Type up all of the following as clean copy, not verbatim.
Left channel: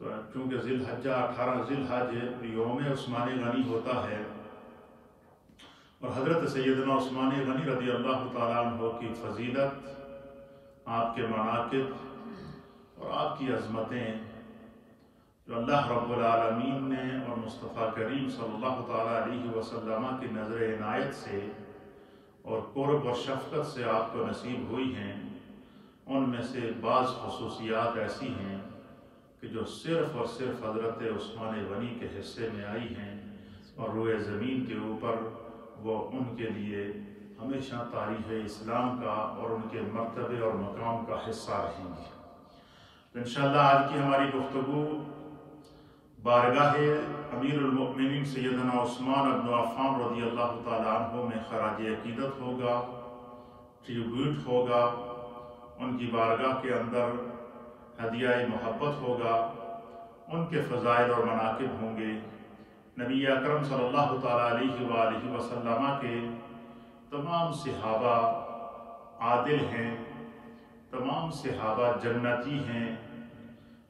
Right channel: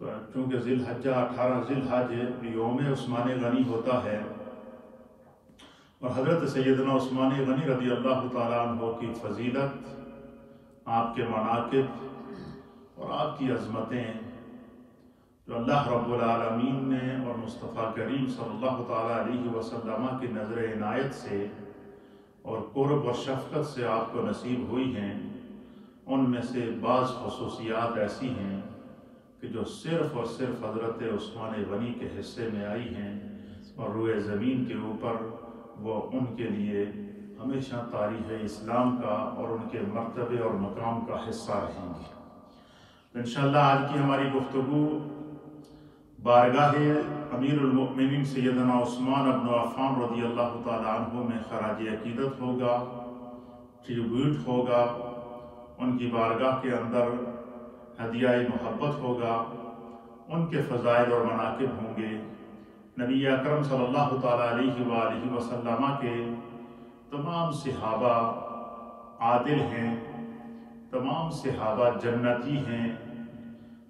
تو چونکہ ذی الحجہ 18 ذی الحج یوم عثمان غنی ہوتا ہے، اور حضرت سیدنا عثمان غنی رضی اللہ تعالیٰ عنہ کی فضیلت، آپ کے مناقب اور آپ کی عظمتیں جو اللہ رب العالمین نے اور مصطفیٰ کریم صلی اللہ تعالیٰ علیہ وسلم کی نظر عنایت سے اور قرب اور شفقت سے آپ کو نصیب ہوئی ہیں، ان میں سے بعض خصوصیات ایسی ہیں کہ جو صرف اور صرف حضرت عثمان غنی کے حصے میں آئی ہیں، اور روئے زمین کے اوپر وہ ان کے لیے ہمیشہ تاریخ اسلام کا اور ان کے مرتبے اور مقام کا حصہ رہیں گی۔ انشاءاللہ آج کی ہماری گفتگو بارگاہ امیر المؤمنین سیدنا عثمان بن عفان رضی اللہ تعالیٰ عنہ میں خراج عقیدت ہوگا، ٹریبیوٹ ہوگا، ان کی بارگاہ کے اندر ہدیہ محبت ہوگا، ان کے فضائل اور مناقب ہوں گے۔ نبی اکرم صلی اللہ تعالیٰ علیہ وآلہ وسلم کے تمام صحابہ عادل ہیں، تمام صحابہ جنتی ہیں،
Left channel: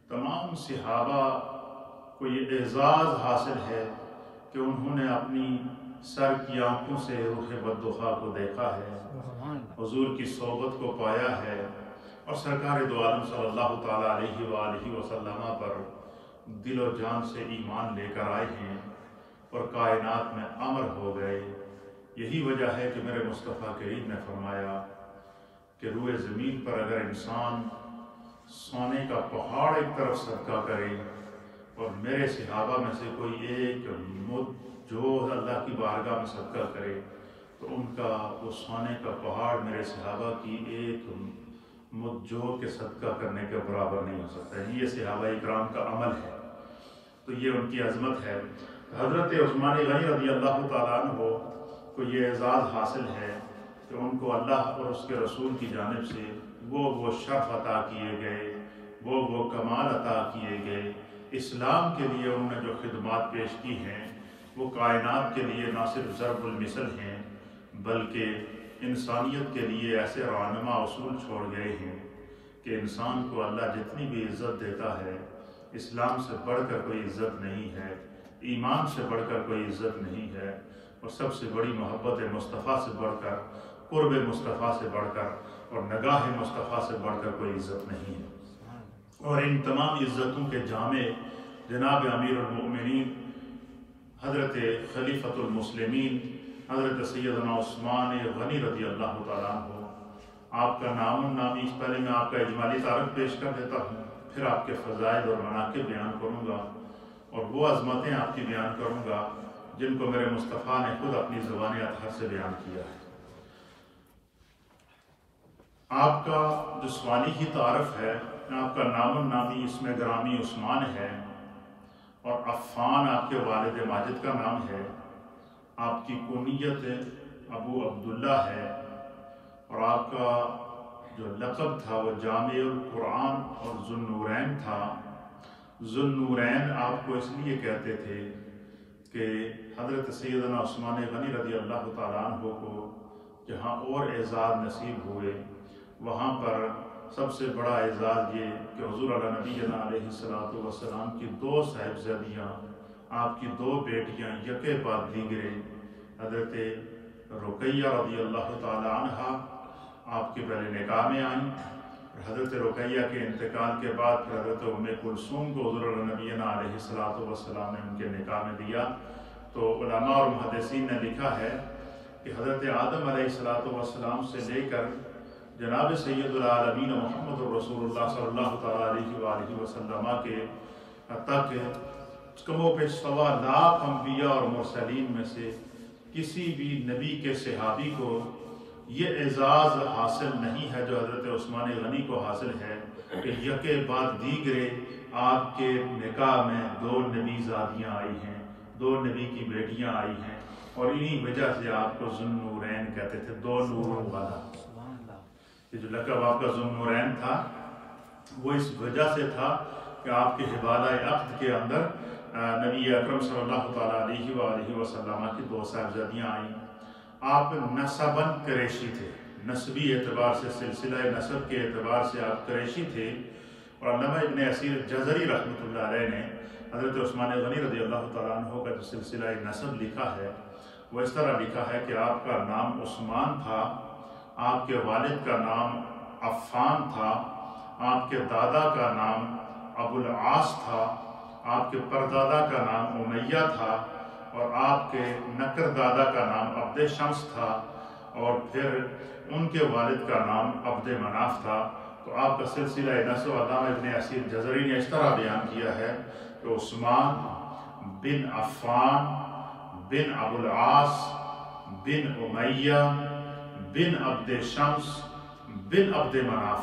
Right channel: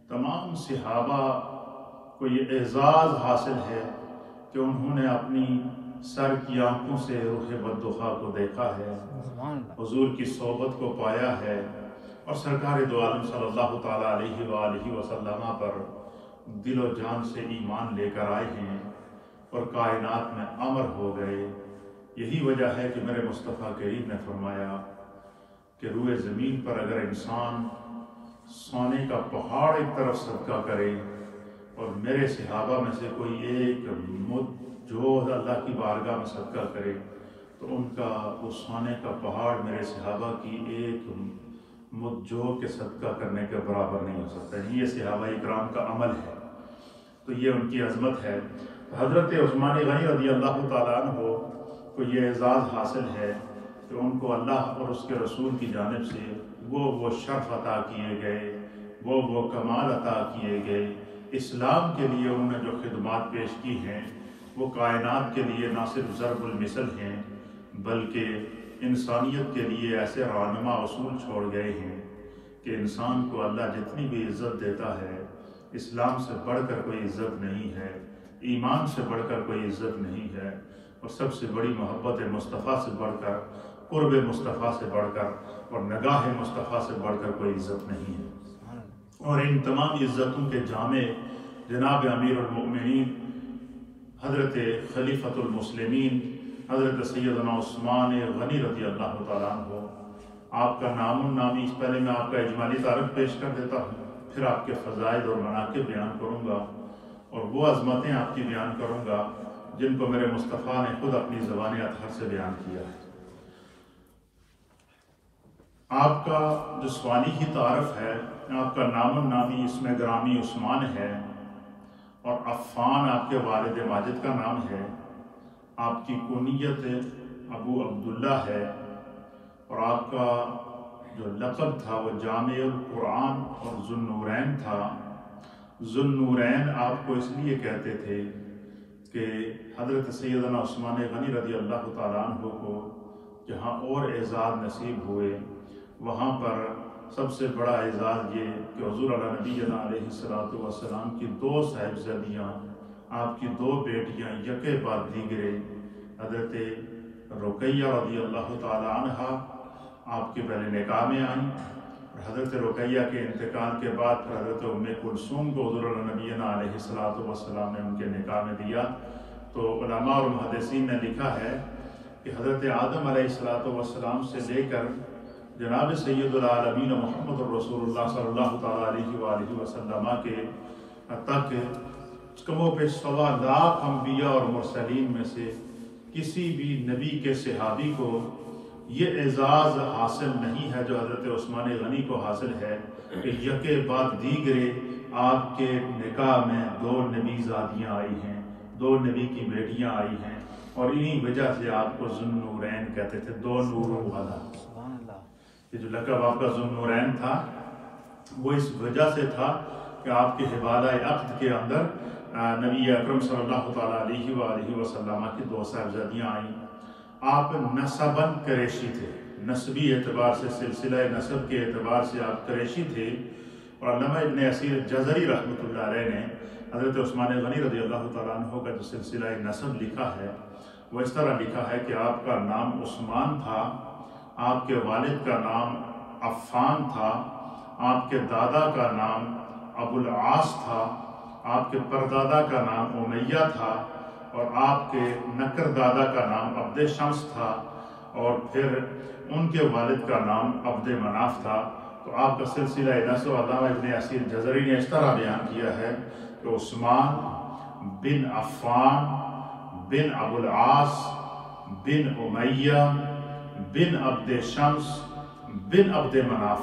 تمام صحابہ کو یہ اعزاز حاصل ہے کہ انہوں نے اپنی سر کی آنکھوں سے روح بدخواہ کو دیکھا ہے، حضور کی صحبت کو پایا ہے، اور سرکار دو عالم صلی اللہ تعالیٰ علیہ وآلہ وسلم پر دل و جان سے ایمان لے کر آئے ہیں اور کائنات میں امر ہو گئے۔ یہی وجہ ہے کہ میرے مصطفیٰ کریم نے فرمایا کہ روئے زمین پر اگر انسان سونے کا پہاڑ ایک طرف صدقہ کرے اور میرے صحابہ میں سے کوئی ایک مد جو اللہ کی بارگاہ میں صدقہ کرے تو ان کا وہ سونے کا پہاڑ میرے صحابہ کی ایک مد جو کے صدقہ کرنے کے برابر نہیں ہو سکتا۔ یہ صحابہ اکرام کا عمل ہے، تو یہ ان کی عظمت ہے۔ حضرت عثمان غنی رضی اللہ تعالیٰ عنہ کو یہ اعزاز حاصل ہے کہ ان کو اللہ اور اس کے رسول کی جانب سے وہ شرف عطا کیے گئے، وہ کمال عطا کیے گئے۔ اسلام کے لیے انہوں نے جو خدمات پیش کی ہیں وہ کائنات کے لیے نہ صرف ضرب المثل ہیں بلکہ انسانیت کے لیے ایسے رہنما اصول چھوڑ گئے ہیں کہ انسان کو اللہ جتنی بھی عزت دیتا ہے، اسلام سے بڑھ کر کوئی عزت نہیں ہے، ایمان سے بڑھ کر کوئی عزت نہیں ہے، اور سب سے بڑی محبت مصطفیٰ سے بڑھ کر، قرب مصطفیٰ سے بڑھ کر اور نگاہ مصطفیٰ سے بڑھ کر کوئی عزت نہیں ہے۔ اور ان تمام عزتوں کے جامع جناب امیر المؤمنین حضرت خلیفۃ المسلمین حضرت سیدنا عثمان غنی رضی اللہ تعالیٰ عنہ، آپ کا نام النامی، اس پہلے میں آپ کا اجمالی تعارف پیش کر دیتا ہوں، پھر آپ کے فضائل اور مناقب بیان کروں گا اور وہ عظمتیں آپ کی بیان کروں گا جن کو میرے مصطفیٰ نے خود اپنی زبان اطہر سے بیان کیا ہے۔ آپ کا جو سوانی ہی تعارف ہے، آپ کا نام النامی اسم گرامی عثمان ہے، اور عفان آپ کے والد ماجد کا نام ہے، آپ کی کنیت ابو عبداللہ ہے، اور آپ کا جو لقب تھا وہ جامع القرآن اور ذو النورین تھا۔ ذو النورین آپ کو اس لیے کہتے تھے کہ حضرت سیدنا عثمان غنی رضی اللہ تعالیٰ عنہ کو جہاں اور اعزاز نصیب ہوئے، وہاں پر سب سے بڑا اعزاز یہ کہ حضور علیہ نبینا علیہ السلام کی 2 صاحبزادیاں، آپ کی 2 بیٹیاں یکے بعد دیگرے، حضرت رقیہ رضی اللہ تعالیٰ عنہ آپ کے پہلے نکاح میں آئیں، اور حضرت رقیہ کے انتقال کے بعد پھر حضرت ام کلثوم کو حضور علیہ نبینا علیہ السلام نے ان کے نکاح میں دیا۔ تو علماء اور محدثین نے لکھا ہے کہ حضرت آدم علیہ السلام سے لے کر جناب سید العالمین محمد الرسول اللہ صلی اللہ تعالیٰ علیہ وآلہ وسلم کے تک کم و بیش 1.25 لاکھ انبیاء اور مرسلین میں سے کسی بھی نبی کے صحابی کو یہ اعزاز حاصل نہیں ہے جو حضرت عثمان غنی کو حاصل ہے کہ یکے بعد دیگرے آپ کے نکاح میں 2 نبی زادیاں آئی ہیں، 2 نبی کی بیٹیاں آئی ہیں، اور انہی وجہ سے آپ کو ذو النورین کہتے تھے، 2 نوروں والا۔ یہ جو لقب آپ کا ذو النورین تھا وہ اس وجہ سے تھا کہ آپ کے حوالہ عقد کے اندر نبی اکرم صلی اللہ تعالیٰ علیہ وآلہ وسلم کی 2 صاحبزادیاں آئیں۔ آپ نسباً قریشی تھے، نسبی اعتبار سے، سلسلہ نسب کے اعتبار سے آپ قریشی تھے، اور علامہ ابن اسیر جزری رحمۃ اللہ علیہ نے حضرت عثمان غنی رضی اللہ تعالیٰ عنہ کا جو سلسلہ نسب لکھا ہے وہ اس طرح لکھا ہے کہ آپ کا نام عثمان تھا، آپ کے والد کا نام عفان تھا، آپ کے دادا کا نام ابو العاص تھا، آپ کے پردادا کا نام امیہ تھا، اور آپ کے نکر دادا کا نام عبد شمس تھا، اور پھر ان کے والد کا نام عبد مناف تھا۔ تو آپ کا سلسلہ نسب علامہ ابن اسیر جزری نے اس طرح بیان کیا ہے کہ عثمان بن عفان بن ابو العاص بن امیہ بن عبد شمس بن عبد مناف،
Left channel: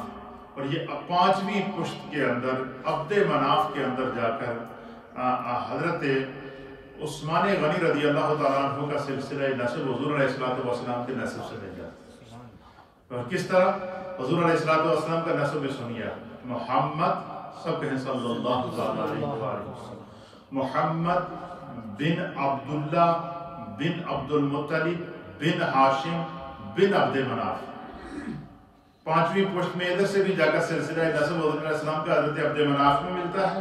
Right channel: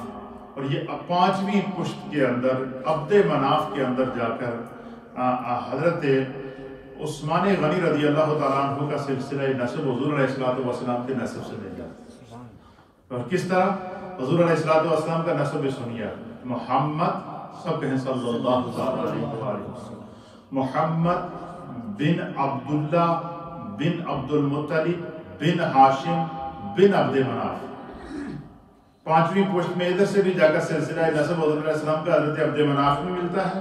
اور یہ 5ویں پشت کے اندر عبد مناف کے اندر جا کر حضرت عثمان غنی رضی اللہ تعالیٰ عنہ کا سلسلہ نسب حضور علیہ الصلوۃ والسلام کے نسب سے مل جاتا ہے۔ اور کس طرح حضور علیہ الصلوۃ والسلام کا نسب بھی سنیے، محمد، سب کہیں صلی اللہ علیہ وسلم، محمد بن عبداللہ بن عبد المطلب بن ہاشم بن عبد مناف۔ 5ویں پشت میں ادھر سے بھی جا کر سلسلہ نسب حضور علیہ السلام کا حضرت عبد مناف میں ملتا ہے،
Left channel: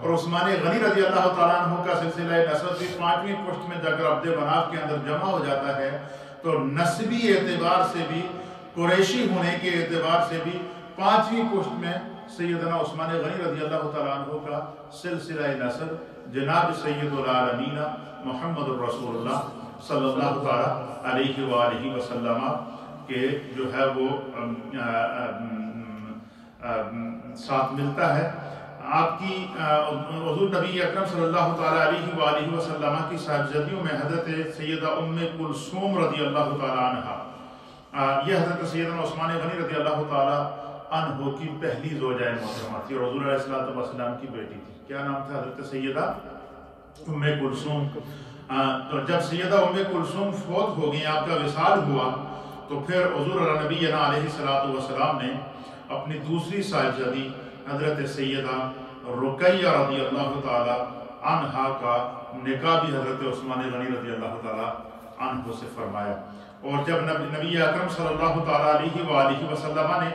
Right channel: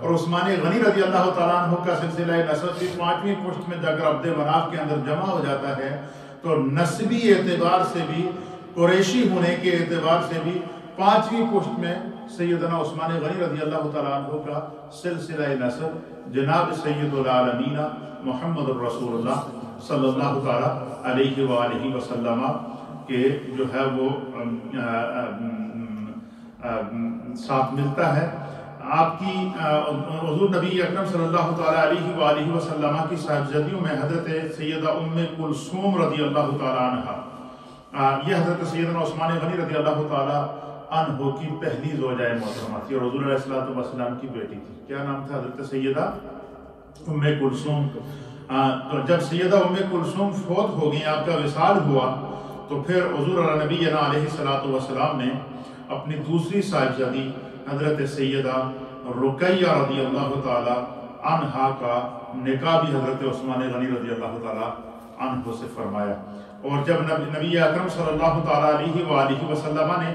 اور عثمان غنی رضی اللہ تعالیٰ عنہ کا سلسلہ نسب بھی 5ویں پشت میں جا کر عبد مناف کے اندر جمع ہو جاتا ہے۔ تو نسبی اعتبار سے بھی، قریشی ہونے کے اعتبار سے بھی 5ویں پشت میں سیدنا عثمان غنی رضی اللہ تعالیٰ عنہ کا سلسلہ نسب جناب سید العالمین محمد الرسول اللہ صلی اللہ تعالیٰ علیہ وآلہ وسلم کے جو ہے وہ ساتھ ملتا ہے۔ آپ کی حضور نبی اکرم صلی اللہ تعالیٰ علیہ وآلہ وسلم کی صاحبزادیوں میں حضرت سیدہ ام کلثوم رضی اللہ تعالیٰ عنہ، یہ حضرت سیدنا عثمان غنی رضی اللہ تعالیٰ عنہ کی پہلی زوجہ محترمہ تھی، اور حضور علیہ الصلوۃ والسلام کی بیٹی تھی۔ کیا نام تھا حضرت سیدہ ام کلثوم؟ تو جب سیدہ ام کلثوم فوت ہو گئی، آپ کا وصال ہوا، تو پھر حضور نبی علیہ الصلوۃ والسلام نے اپنی دوسری صاحبزادی حضرت سیدہ رقیہ رضی اللہ تعالی عنہا کا نکاح بھی حضرت عثمان غنی رضی اللہ تعالی عنہ سے فرمایا۔ اور جب نبی اکرم صلی اللہ تعالی علیہ وآلہ وسلم نے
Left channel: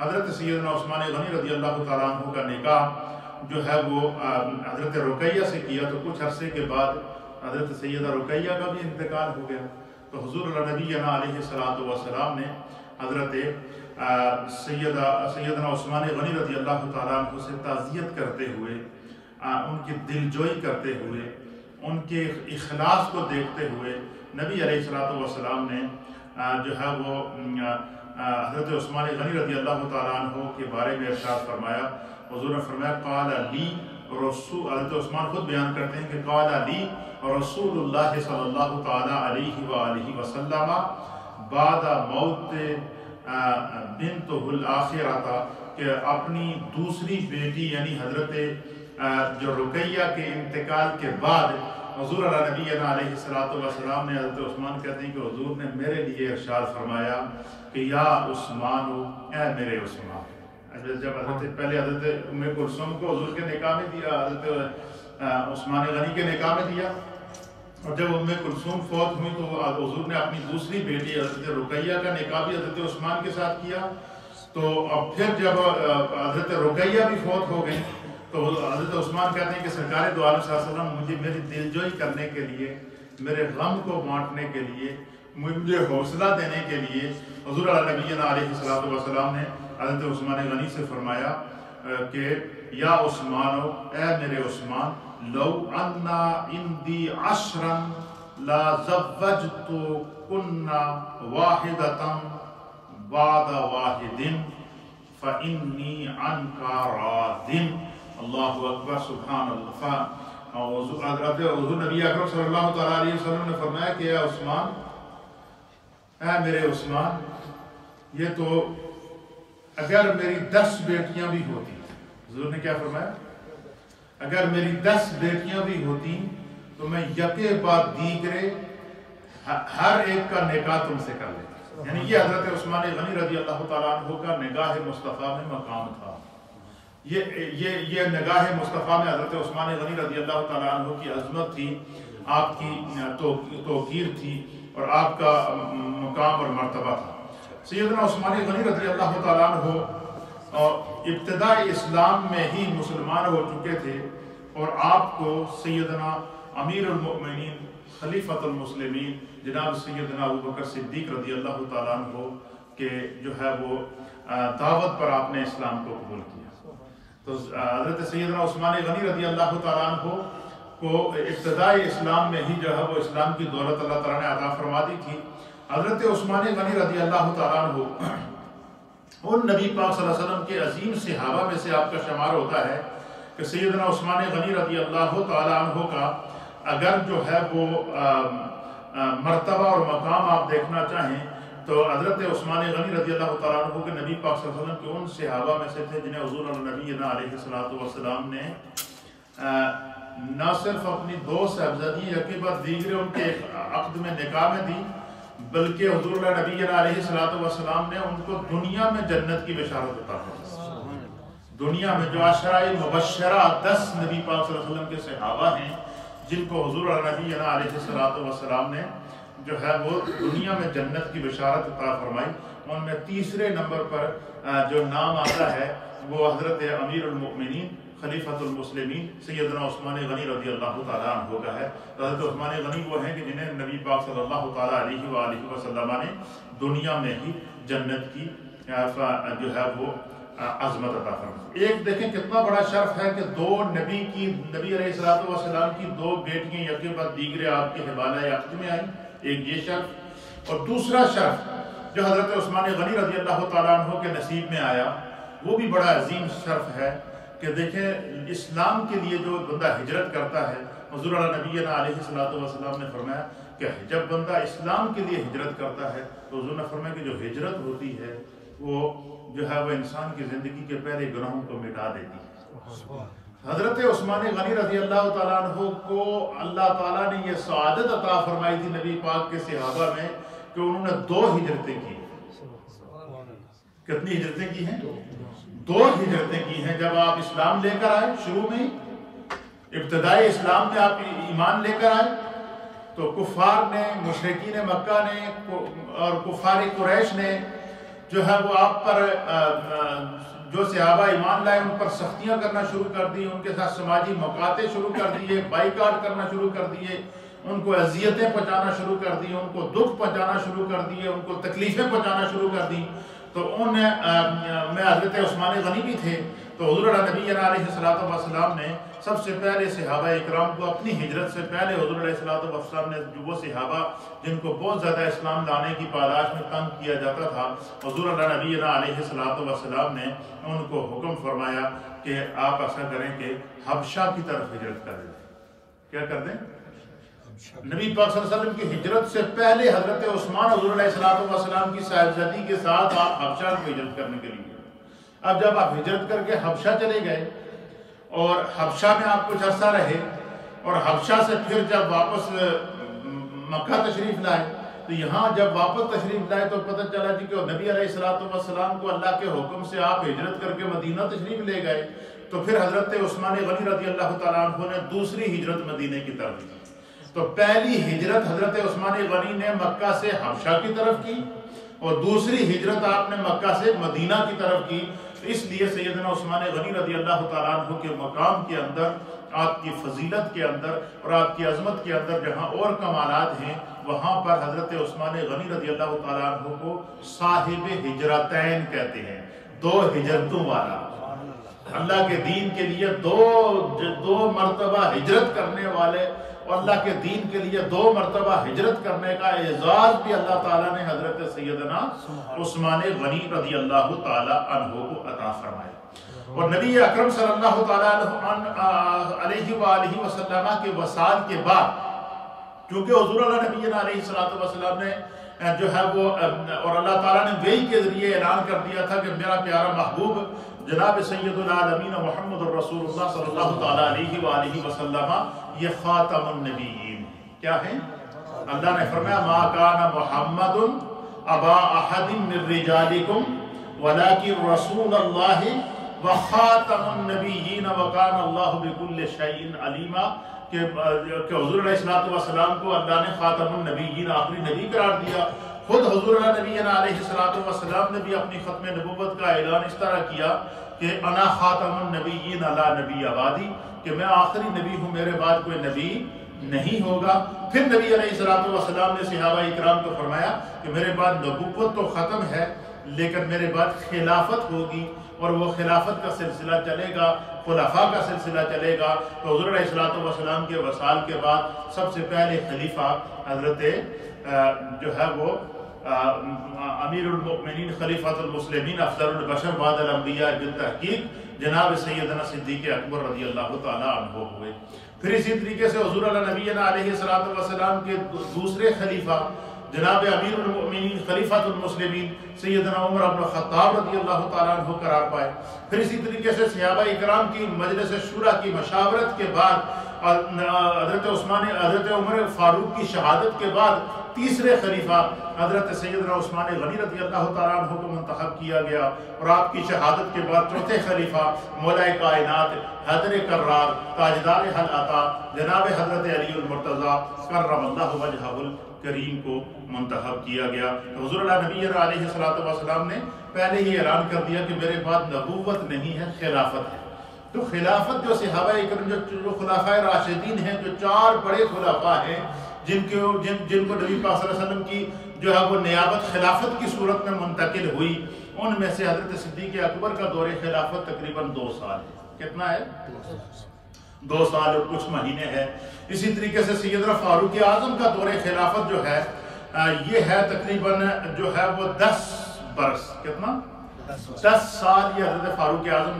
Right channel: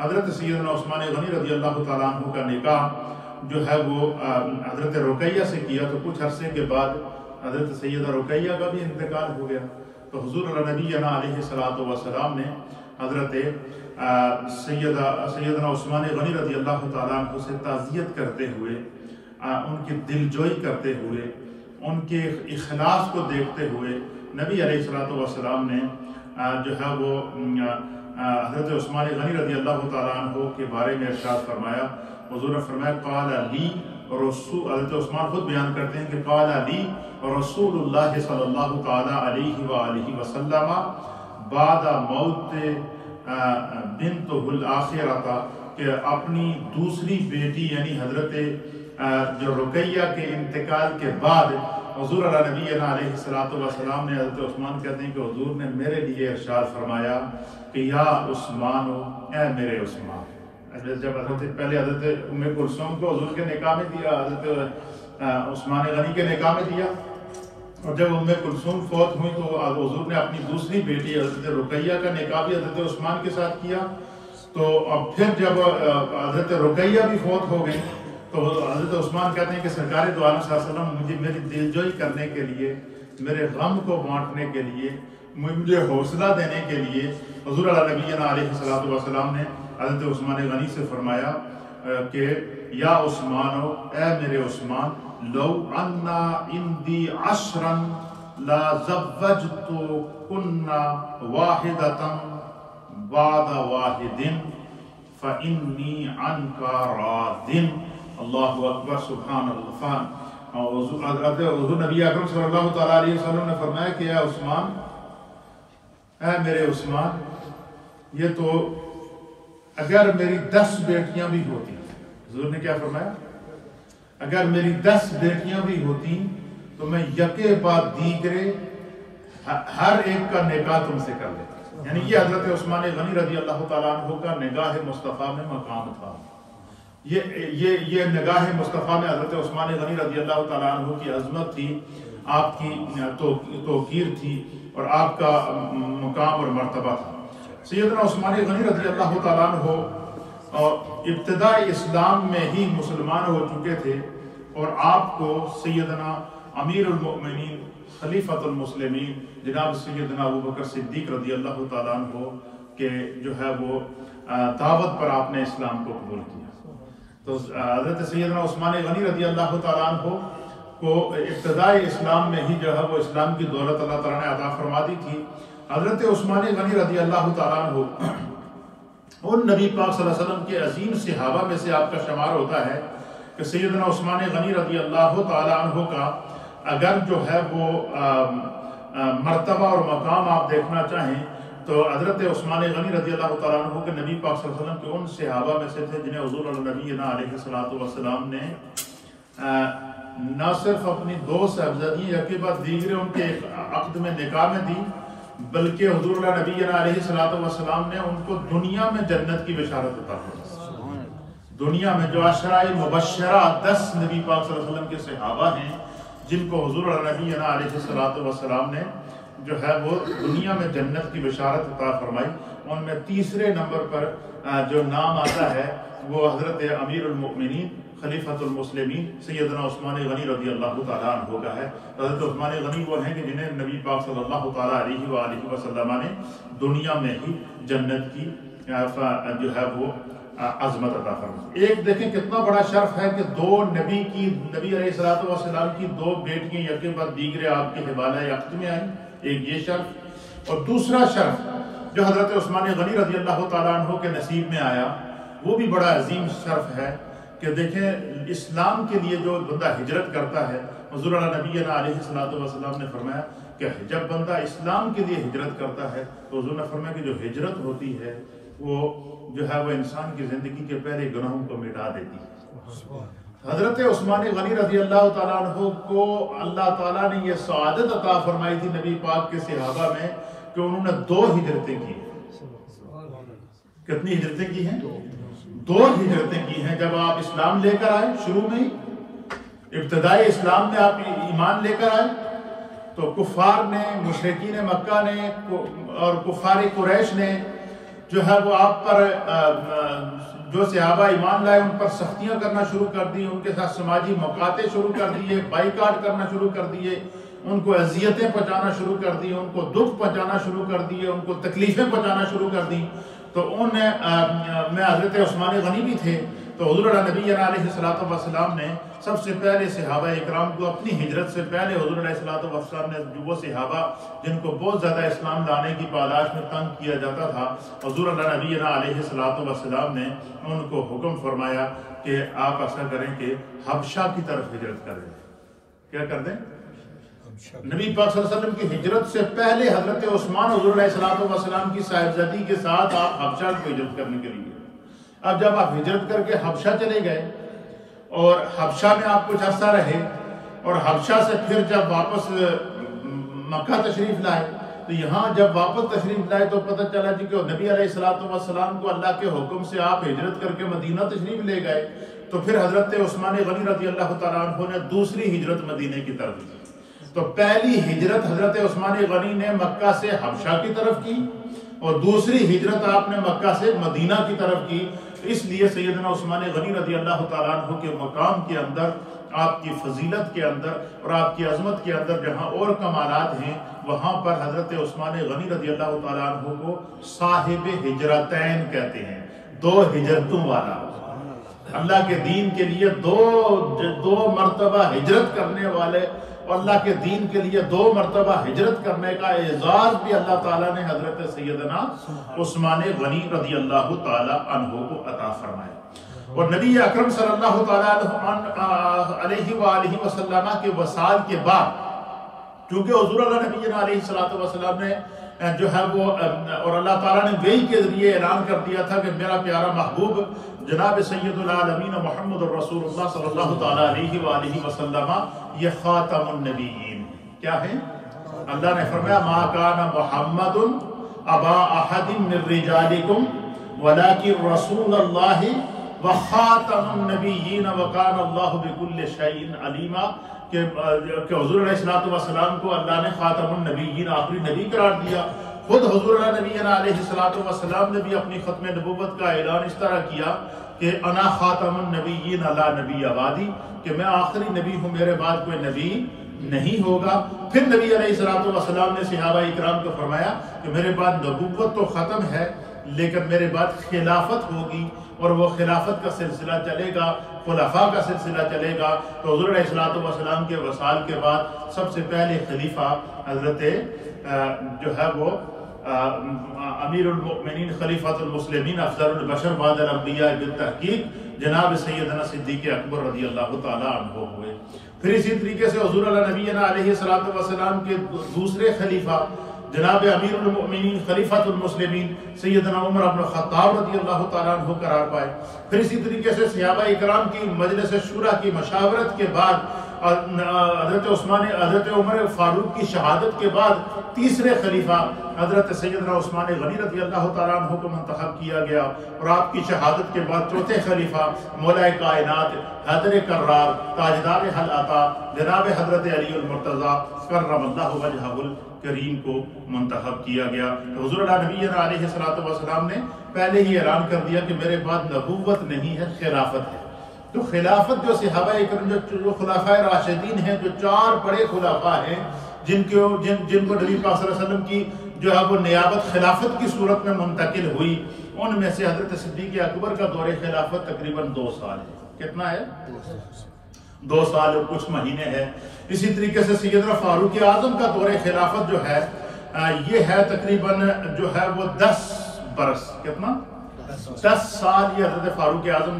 حضرت سیدنا عثمان غنی رضی اللہ تعالی عنہ کا نکاح جو ہے وہ حضرت رقیہ سے کیا، تو کچھ عرصے کے بعد حضرت سیدہ رقیہ کا بھی انتقال ہو گیا۔ تو حضور نبی علیہ الصلوۃ والسلام نے حضرت سیدنا عثمان غنی رضی اللہ تعالیٰ عنہ سے تعزیت کرتے ہوئے، ان کی دلجوئی کرتے ہوئے، ان کے اخلاص کو دیکھتے ہوئے نبی علیہ الصلوۃ والسلام نے جو ہے وہ حضرت عثمان غنی رضی اللہ تعالیٰ عنہ کے بارے میں ارشاد فرمایا۔ حضور نے فرمایا قال لی رسول، حضرت عثمان خود بیان کرتے ہیں کہ قال لی رسول اللہ صلی اللہ تعالیٰ علیہ وآلہ وسلم بعد موت بنتہ الآخرہ، کہ اپنی دوسری بیٹی یعنی حضرت جو رقیہ کے انتقال کے بعد حضور نبی علیہ الصلوۃ والسلام نے، حضرت عثمان کہتے ہیں کہ حضور نے میرے لیے ارشاد فرمایا کہ یا عثمان، اے میرے عثمان۔ جب پہلے حضرت ام کلثوم کو حضور کے نکاح میں دیا، حضرت عثمان غنی کے نکاح میں دیا، اور جب ام کلثوم فوت ہوئی تو حضور نے اپنی دوسری بیٹی حضرت رقیہ کا نکاح بھی حضرت عثمان کے ساتھ کیا۔ تو اب پھر جب حضرت رقیہ بھی فوت ہو گئی تو حضرت عثمان کہتے ہیں کہ سرکار دو عالم صلی اللہ علیہ وسلم مجھے میری دلجوئی کرنے کے لیے، میرے غم کو بانٹنے کے لیے، مجھے حوصلہ دینے کے لیے حضور نبی علیہ الصلوۃ والسلام نے حضرت عثمان غنی سے فرمایا کہ یا عثمان، اے میرے عثمان، لو انا عندی عشرا لا زوجت کنا واحدۃ بعد واحد فانی عنک راض۔ اللہ اکبر، سبحان اللہ۔ حضور نبی اکرم صلی اللہ تعالیٰ علیہ وسلم نے فرمایا کہ اے عثمان، اے میرے عثمان، یہ تو اگر میری 10 بیٹیاں بھی ہوتی، حضور نے کیا فرمایا؟ اگر میری 10 بیٹیاں بھی ہوتی تو میں یکے بعد دیگرے ہر ایک کا نکاح تم سے کر لیتا۔ یعنی یہ حضرت عثمان غنی رضی اللہ تعالیٰ عنہ کا نگاہ مصطفیٰ میں مقام تھا۔ یہ نگاہ مصطفیٰ میں حضرت عثمان غنی رضی اللہ تعالیٰ عنہ کی عظمت تھی، آپ کی توقیر تھی، اور آپ کا مقام اور مرتبہ تھا۔ سیدنا عثمان غنی رضی اللہ تعالیٰ عنہ ابتدائی اسلام میں ہی مسلمان ہو چکے تھے، اور آپ کو سیدنا امیر المؤمنین خلیفۃ المسلمین جناب سیدنا ابوبکر صدیق رضی اللہ تعالیٰ عنہ کے جو ہے وہ دعوت پر آپ نے اسلام کو قبول کیا۔ تو حضرت سیدنا عثمان غنی رضی اللہ تعالیٰ عنہ کو ابتدائی اسلام میں ہی جو ہے وہ اسلام کی دولت اللہ تعالیٰ نے عطا فرما دی تھی۔ حضرت عثمان غنی رضی اللہ تعالیٰ عنہ ان نبی پاک صلی اللہ علیہ وسلم کے عظیم صحابہ میں سے آپ کا شمار ہوتا ہے کہ سیدنا عثمان غنی رضی اللہ تعالیٰ عنہ کا اگر جو ہے وہ مرتبہ اور مقام آپ دیکھنا چاہیں تو حضرت عثمان غنی رضی اللہ تعالیٰ عنہ کے نبی پاک صلی اللہ علیہ وسلم کے ان صحابہ میں سے تھے جنہیں حضور نبینا علیہ الصلوۃ والسلام نے نہ صرف اپنی 2 صاحبزادیاں یکے بعد دیگرے ان کے عقد میں نکاح میں دی، بلکہ حضور نبینا علیہ الصلوۃ والسلام نے ان کو دنیا میں جنت کی بشارت عطا فرمائی۔ دنیا میں جو عشرہ مبشرہ 10 نبی پاک صلی اللہ علیہ وسلم کے صحابہ ہیں جن کو حضور نبینا علیہ الصلوۃ والسلام نے جو ہے وہ دنیا میں جنت کی بشارت عطا فرمائی، ان میں تیسرے نمبر پر جو نام آتا ہے وہ حضرت امیر المؤمنین خلیفۃ المسلمین سیدنا عثمان غنی رضی اللہ تعالیٰ عنہ کا ہے۔ حضرت عثمان غنی وہ ہیں کہ جنہیں نبی پاک صلی اللہ تعالیٰ علیہ وآلہ وسلم نے دنیا میں ہی جنت کی جو ہے وہ عظمت عطا فرمائی۔ ایک دیکھیں کتنا بڑا شرف ہے کہ نبی علیہ الصلوۃ والسلام کی 2 بیٹیاں یکے بعد دیگرے آپ کے حوالہ عقد میں آئیں، ایک یہ شرف، اور دوسرا شرف جو حضرت عثمان غنی رضی اللہ تعالیٰ عنہ کے نصیب میں آیا وہ بھی بڑا عظیم شرف ہے کہ دیکھیں اسلام کے لیے جو بندہ ہجرت کرتا ہے، حضور نبینا علیہ الصلوۃ والسلام نے فرمایا کہ جب بندہ اسلام کے لیے ہجرت کرتا ہے تو حضور نے فرمایا کہ جو ہجرت ہوتی ہے وہ جو ہے وہ انسان کی زندگی کے پہلے گناہوں کو مٹا دیتی ہے۔ حضرت عثمان غنی رضی اللہ تعالیٰ عنہ کو اللہ تعالیٰ نے یہ سعادت عطا فرمائی تھی نبی پاک کے صحابہ میں کہ انہوں نے 2 ہجرتیں کی۔ کتنی ہجرتیں کی ہیں؟ 2 ہجرتیں کی ہیں۔ جب آپ اسلام لے کر آئے، شروع میں ابتدائی اسلام میں آپ ایمان لے کر آئے تو کفار نے، مشرکین مکہ نے اور کفار قریش نے جو ہے وہ آپ پر جو صحابہ ایمان لائے ان پر سختیاں کرنا شروع کر دی، ان کے ساتھ سماجی مقاطع شروع کر دیے، بائیکاٹ کرنا شروع کر دیے، ان کو اذیتیں پہنچانا شروع کر دی، ان کو دکھ پہنچانا شروع کر دیے، ان کو تکلیفیں پہنچانا شروع کر دی۔ تو میں حضرت عثمان غنی بھی تھے، تو حضور نبینا علیہ الصلوۃ والسلام نے سب سے پہلے صحابہ اکرام کو اپنی ہجرت سے پہلے حضور علیہ الصلوۃ والسلام نے جو وہ صحابہ جن کو بہت زیادہ اسلام لانے کی پاداش میں تنگ کیا جاتا تھا، حضور نبینا علیہ الصلوۃ والسلام نے ان کو حکم فرمایا کہ آپ ایسا کریں کہ حبشہ کی طرف ہجرت کر دیں۔ کیا کر دیں؟ نبی پاک صلی اللہ علیہ وسلم کی ہجرت سے پہلے حضرت عثمان حضور علیہ الصلوۃ والسلام کی صاحبزادی کے ساتھ آپ حبشہ کو ہجرت کرنے کے لیے، اب جب آپ ہجرت کر کے حبشہ چلے گئے اور حبشہ میں آپ کچھ عرصہ رہے اور حبشہ سے پھر جب واپس مکہ تشریف لائے تو یہاں جب واپس تشریف لائے تو پتہ چلا جی کہ نبی علیہ الصلوۃ والسلام کو اللہ کے حکم سے آپ ہجرت کر کے مدینہ تشریف لے گئے، تو پھر حضرت عثمان غنی رضی اللہ تعالیٰ عنہ نے دوسری ہجرت مدینہ کی طرف کی۔ تو پہلی ہجرت حضرت عثمان غنی نے مکہ سے حبشہ کی طرف کی اور دوسری ہجرت آپ نے مکہ سے مدینہ کی طرف کی۔ اس لیے سیدنا عثمان غنی رضی اللہ تعالیٰ عنہ کے مقام کے اندر، آپ کی فضیلت کے اندر اور آپ کی عظمت کے اندر جہاں اور کمالات ہیں، وہاں پر حضرت عثمان غنی رضی اللہ تعالیٰ عنہ کو صاحب ہجرتین کہتے ہیں، 2 ہجرتوں والا۔ اللہ کے دین کے لیے دو مرتبہ ہجرت کرنے والے اور اللہ کے دین کے لیے 2 مرتبہ ہجرت کرنے کا اعزاز بھی اللہ تعالیٰ نے حضرت سیدنا عثمان غنی رضی اللہ تعالیٰ عنہ کو عطا فرمایا۔ اور نبی اکرم صلی اللہ تعالیٰ علیہ وآلہ وسلم کے وصال کے بعد، کیونکہ حضور اللہ نبینا علیہ الصلوۃ والسلام نے جو ہے وہ اور اللہ تعالیٰ نے وحی کے ذریعے اعلان کر دیا تھا کہ میرا پیارا محبوب جناب سید العالمین محمد الرسول اللہ صلی اللہ تعالیٰ علیہ وآلہ وسلم یہ خاتم النبیین کیا ہے؟ اللہ نے فرمایا ما کان محمد ابا احد من رجالکم ولکن رسول اللہ وخاتم النبیین وکان اللہ بکل شیء علیما، کہ حضور علیہ السلام کو اللہ نے خاتم النبیین آخری نبی قرار دیا۔ خود حضور نبینا علیہ السلام نے بھی اپنی ختم نبوت کا اعلان اس طرح کیا کہ انا خاتم النبیین لا نبی بعدی، کہ میں آخری نبی ہوں، میرے بعد کوئی نبی نہیں ہوگا۔ پھر نبی علیہ الصلوۃ والسلام نے صحابہ اکرام کو فرمایا کہ میرے بعد نبوت تو ختم ہے لیکن میرے بعد خلافت ہوگی، اور وہ خلافت کا سلسلہ چلے گا، خلفاء کا سلسلہ چلے گا۔ تو حضور علیہ الصلوۃ والسلام کے وصال کے بعد سب سے پہلے خلیفہ حضرت جو ہے وہ امیر المؤمنین خلیفۃ المسلمین افضل البشر بعد الانبیاء بالتحقیق جناب سیدنا صدیق اکبر رضی اللہ تعالی عنہ ہوئے۔ پھر اسی طریقے سے حضور علیہ نبینا علیہ الصلوۃ والسلام کے دوسرے خلیفہ جناب امیر المؤمنین خلیفۃ المسلمین سیدنا عمر بن الخطاب رضی اللہ تعالیٰ عنہ قرار پائے۔ پھر اسی طریقے سے صحابہ اکرام کی مجلس شورا کی مشاورت کے بعد حضرت عمر فاروق کی شہادت کے بعد تیسرے خلیفہ حضرت سیدنا عثمان غنی رضی اللہ تعالیٰ عنہ کو منتخب کیا گیا، اور آپ کی شہادت کے بعد چوتھے خلیفہ مولا کائنات حیدر کرار تاجدار حل عطا جناب حضرت علی المرتضیٰ کرم اللہ وجہہ الکریم کو منتخب کیا گیا۔ تو حضور نبی علیہ الصلوۃ والسلام نے پہلے ہی اعلان کر دیا کہ میرے بعد نبوت نہیں ہے، خلافت ہے۔ تو خلافت جو صحابہ اکرام جو خلفائے راشدین ہیں، جو چار بڑے خلفاء ہیں جن کو نبی پاک صلی اللہ علیہ وسلم کی جو ہے وہ نیابت خلافت کی صورت میں منتقل ہوئی، ان میں سے حضرت صدیق اکبر کا دور خلافت تقریباً 2 سال ہے۔ کتنا ہے؟ 2 سال اور کچھ مہینے ہے۔ اسی طریقے سے سیدنا فاروق اعظم کا دور خلافت جو ہے یہ ہے تقریباً جو ہے وہ 10 برس۔ کتنا؟ 10 سال یہ حضرت فاروق اعظم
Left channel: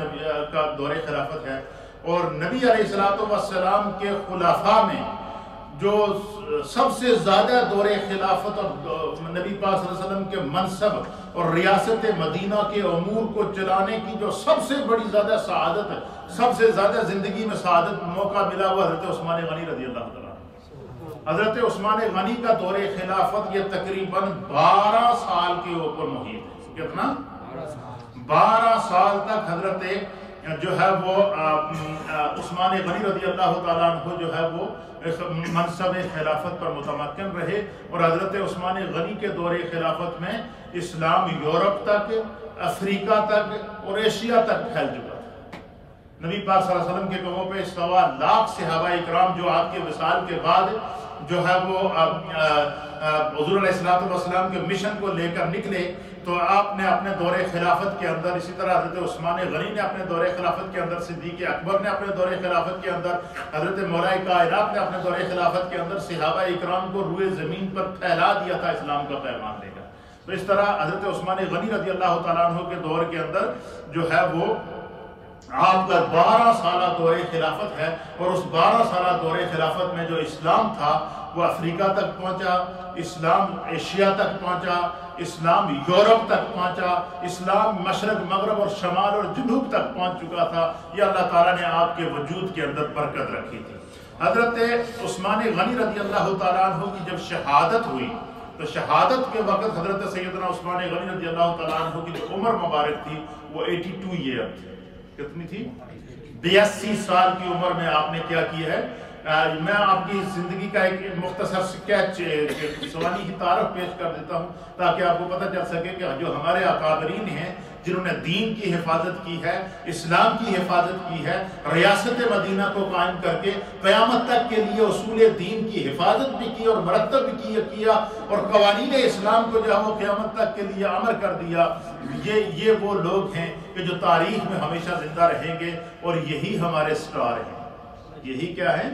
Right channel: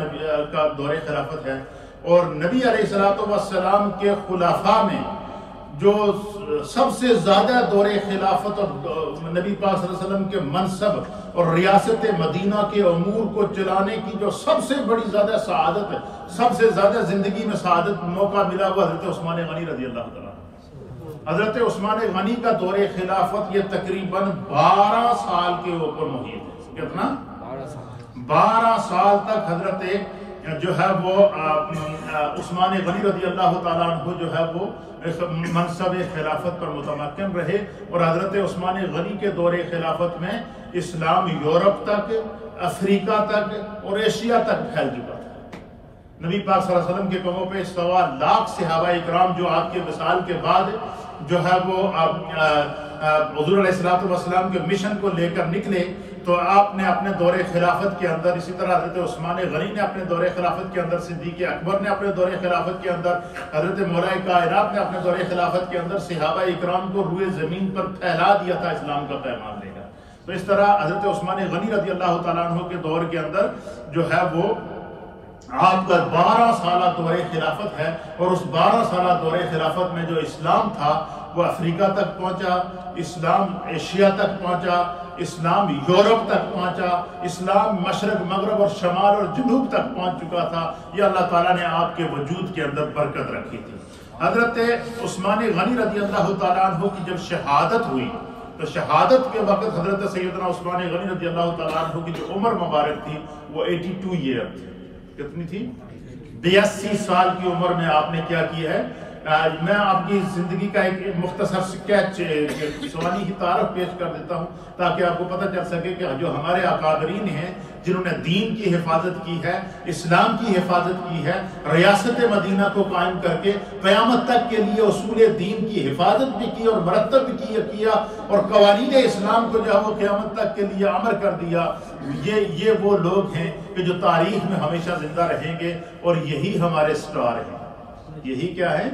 کا دور خلافت ہے۔ اور نبی علیہ الصلوۃ والسلام کے خلفاء میں جو سب سے زیادہ دور خلافت اور نبی پاک صلی اللہ علیہ وسلم کے منصب اور ریاست مدینہ کے امور کو چلانے کی جو سب سے بڑی زیادہ سعادت ہے، سب سے زیادہ زندگی میں سعادت موقع ملا وہ حضرت عثمان غنی رضی اللہ تعالیٰ۔ حضرت عثمان غنی کا دور خلافت یہ تقریباً 12 سال کے اوپر محیط ہے۔ کتنا؟ 12 سال تک حضرت جو ہے وہ عثمان غنی رضی اللہ تعالیٰ عنہ جو ہے وہ منصب خلافت پر متمکن رہے، اور حضرت عثمان غنی کے دور خلافت میں اسلام یورپ تک، افریقہ تک اور ایشیا تک پھیل چکا تھا۔ نبی پاک صلی اللہ علیہ وسلم کے قدموں پہ 1.25 لاکھ صحابہ اکرام جو آپ کے وصال کے بعد جو ہے وہ حضور علیہ الصلوۃ والسلام کے مشن کو لے کر نکلے، تو آپ نے اپنے دور خلافت کے اندر، اسی طرح حضرت عثمان غنی نے اپنے دور خلافت کے اندر، صدیق اکبر نے اپنے دور خلافت کے اندر، حضرت مولا کائنات نے اپنے دور خلافت کے اندر صحابہ اکرام کو روئے زمین پر پھیلا دیا تھا اسلام کا پیغام لے کر۔ تو اس طرح حضرت عثمان غنی رضی اللہ تعالیٰ عنہ کے دور کے اندر جو ہے وہ آپ کا 12 سالہ دور خلافت ہے، اور اس 12 سالہ دور خلافت میں جو اسلام تھا وہ افریقہ تک پہنچا، اسلام ایشیا تک پہنچا، اسلام یورپ تک پہنچا، اسلام مشرق مغرب اور شمال اور جنوب تک پہنچ چکا تھا۔ یہ اللہ تعالیٰ نے آپ کے وجود کے اندر برکت رکھی تھی۔ حضرت عثمان غنی رضی اللہ تعالیٰ عنہ کی جب شہادت ہوئی تو شہادت کے وقت حضرت سیدنا عثمان غنی رضی اللہ تعالیٰ عنہ کی جو عمر مبارک تھی وہ 82 ایئر تھی۔ کتنی تھی؟ 82 سال کی عمر میں آپ نے کیا کیا ہے؟ میں آپ کی زندگی کا ایک مختصر سکیچ سوانی کی تعارف پیش کر دیتا ہوں تاکہ آپ کو پتہ چل سکے کہ جو ہمارے اکابرین ہیں جنہوں نے دین کی حفاظت کی ہے، اسلام کی حفاظت کی ہے، ریاست مدینہ کو قائم کر کے قیامت تک کے لیے اصول دین کی حفاظت بھی کی اور مرتب بھی کیا اور قوانین اسلام کو جو ہے وہ قیامت تک کے لیے امر کر دیا۔ یہ وہ لوگ ہیں کہ جو تاریخ میں ہمیشہ زندہ رہیں گے، اور یہی ہمارے سٹار ہیں۔ یہی کیا ہے؟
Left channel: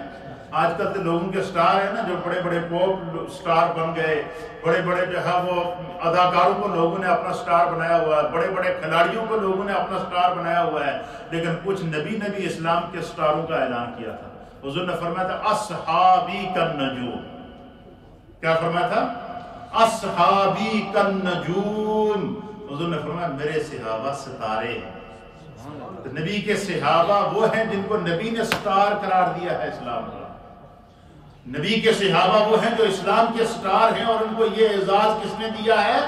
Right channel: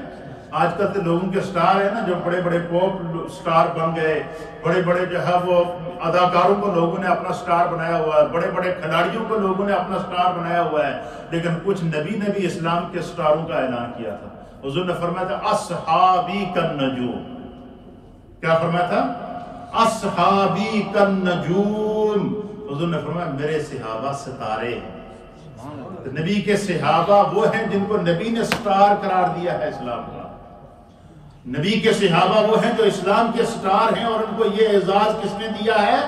آج کل تو لوگوں کے سٹار ہیں نا، جو بڑے بڑے پوپ سٹار بن گئے، بڑے بڑے جو ہے وہ اداکاروں کو لوگوں نے اپنا سٹار بنایا ہوا ہے، بڑے بڑے کھلاڑیوں کو لوگوں نے اپنا سٹار بنایا ہوا ہے، لیکن کچھ نبی نے بھی اسلام کے سٹاروں کا اعلان کیا تھا۔ حضور نے فرمایا تھا اصحابی کالنجوم۔ کیا فرمایا تھا؟ اصحابی کالنجوم۔ حضور نے فرمایا میرے صحابہ ستارے ہیں۔ نبی کے صحابہ وہ ہیں جن کو نبی نے سٹار قرار دیا ہے اسلام کا۔ نبی کے صحابہ وہ ہیں جو اسلام کے سٹار ہیں، اور ان کو یہ اعزاز کس نے دیا ہے؟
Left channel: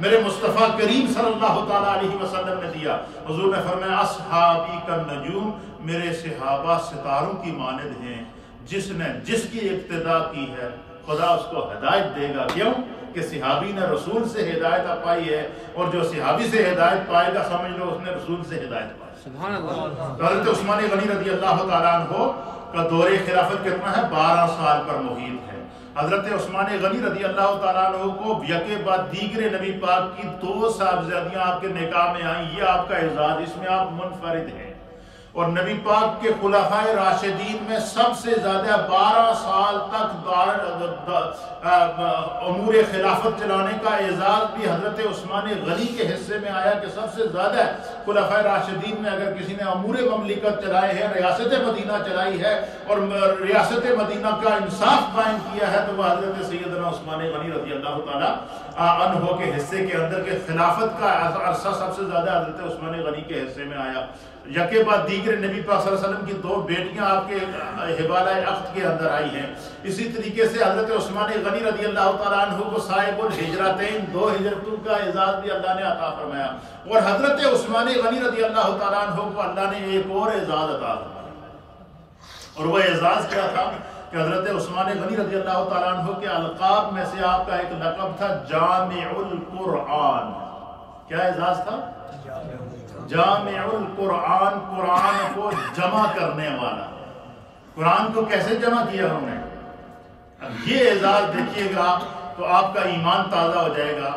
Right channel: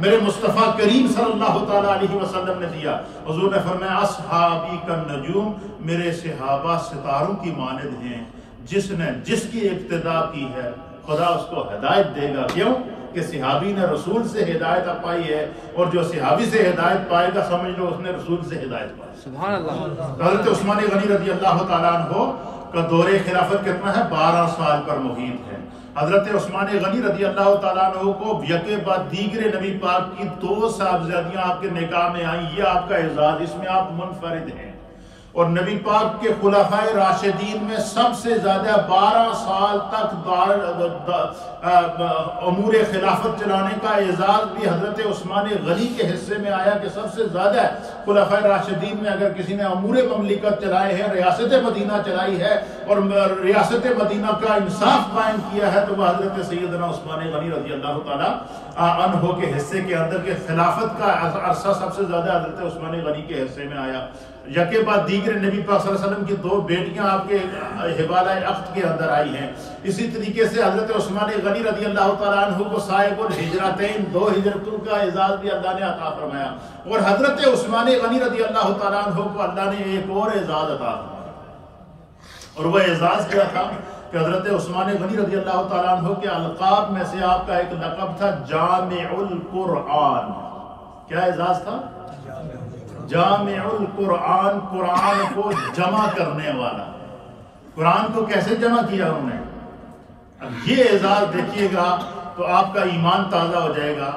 میرے مصطفیٰ کریم صلی اللہ تعالیٰ علیہ وسلم نے دیا۔ حضور نے فرمایا اصحابی کالنجوم، میرے صحابہ ستاروں کی مانند ہیں، جس نے جس کی اقتداء کی ہے خدا اس کو ہدایت دے گا۔ کیوں؟ کہ صحابی نے رسول سے ہدایت پائی ہے، اور جو صحابی سے ہدایت پائے گا سمجھ لو اس نے رسول سے ہدایت پائی۔ سبحان اللہ۔ حضرت عثمان غنی رضی اللہ تعالیٰ عنہ کا دور خلافت کتنا ہے؟ 12 سال پر محیط ہے۔ حضرت عثمان غنی رضی اللہ تعالیٰ عنہ کو یکے بعد دیگر نبی پاک کی 2 صاحبزادیاں آپ کے نکاح میں آئیں، یہ آپ کا اعزاز، اس میں آپ منفرد ہیں۔ اور نبی پاک کے خلفائے راشدین میں سب سے زیادہ 12 سال تک امور خلافت چلانے کا اعزاز بھی حضرت عثمان غنی کے حصے میں آیا کہ سب سے زیادہ خلفائے راشدین میں اگر کسی نے امور مملکت چلائے ہیں، ریاست مدینہ چلائی ہے اور ریاست مدینہ کا انصاف قائم کیا ہے، تو وہ حضرت سیدنا عثمان غنی رضی اللہ تعالیٰ عنہ کے حصے کے اندر کے خلافت کا عرصہ سب سے زیادہ حضرت عثمان غنی کے حصے میں آیا۔ یکے بعد دیگر نبی پاک صلی اللہ علیہ وسلم کی 2 بیٹیاں آپ کے حوالہ عقد کے اندر آئی ہیں۔ اسی طریقے سے حضرت عثمان غنی رضی اللہ تعالیٰ عنہ کو صاحب الہجرتین، 2 ہجرتوں کا اعزاز بھی اللہ نے عطا فرمایا، اور حضرت عثمان غنی رضی اللہ تعالیٰ عنہ کو اللہ نے ایک اور اعزاز عطا فرمایا، اور وہ اعزاز کیا تھا کہ حضرت عثمان غنی رضی اللہ تعالیٰ عنہ کے القاب میں سے آپ کا ایک لقب تھا جامع القرآن۔ کیا اعزاز تھا؟ جامع القرآن، قرآن کو جمع کرنے والا۔ قرآن کو کیسے جمع کیا انہوں نے؟ اب یہ اعزاز دیکھیے گا تو آپ کا ایمان تازہ ہو جائے گا۔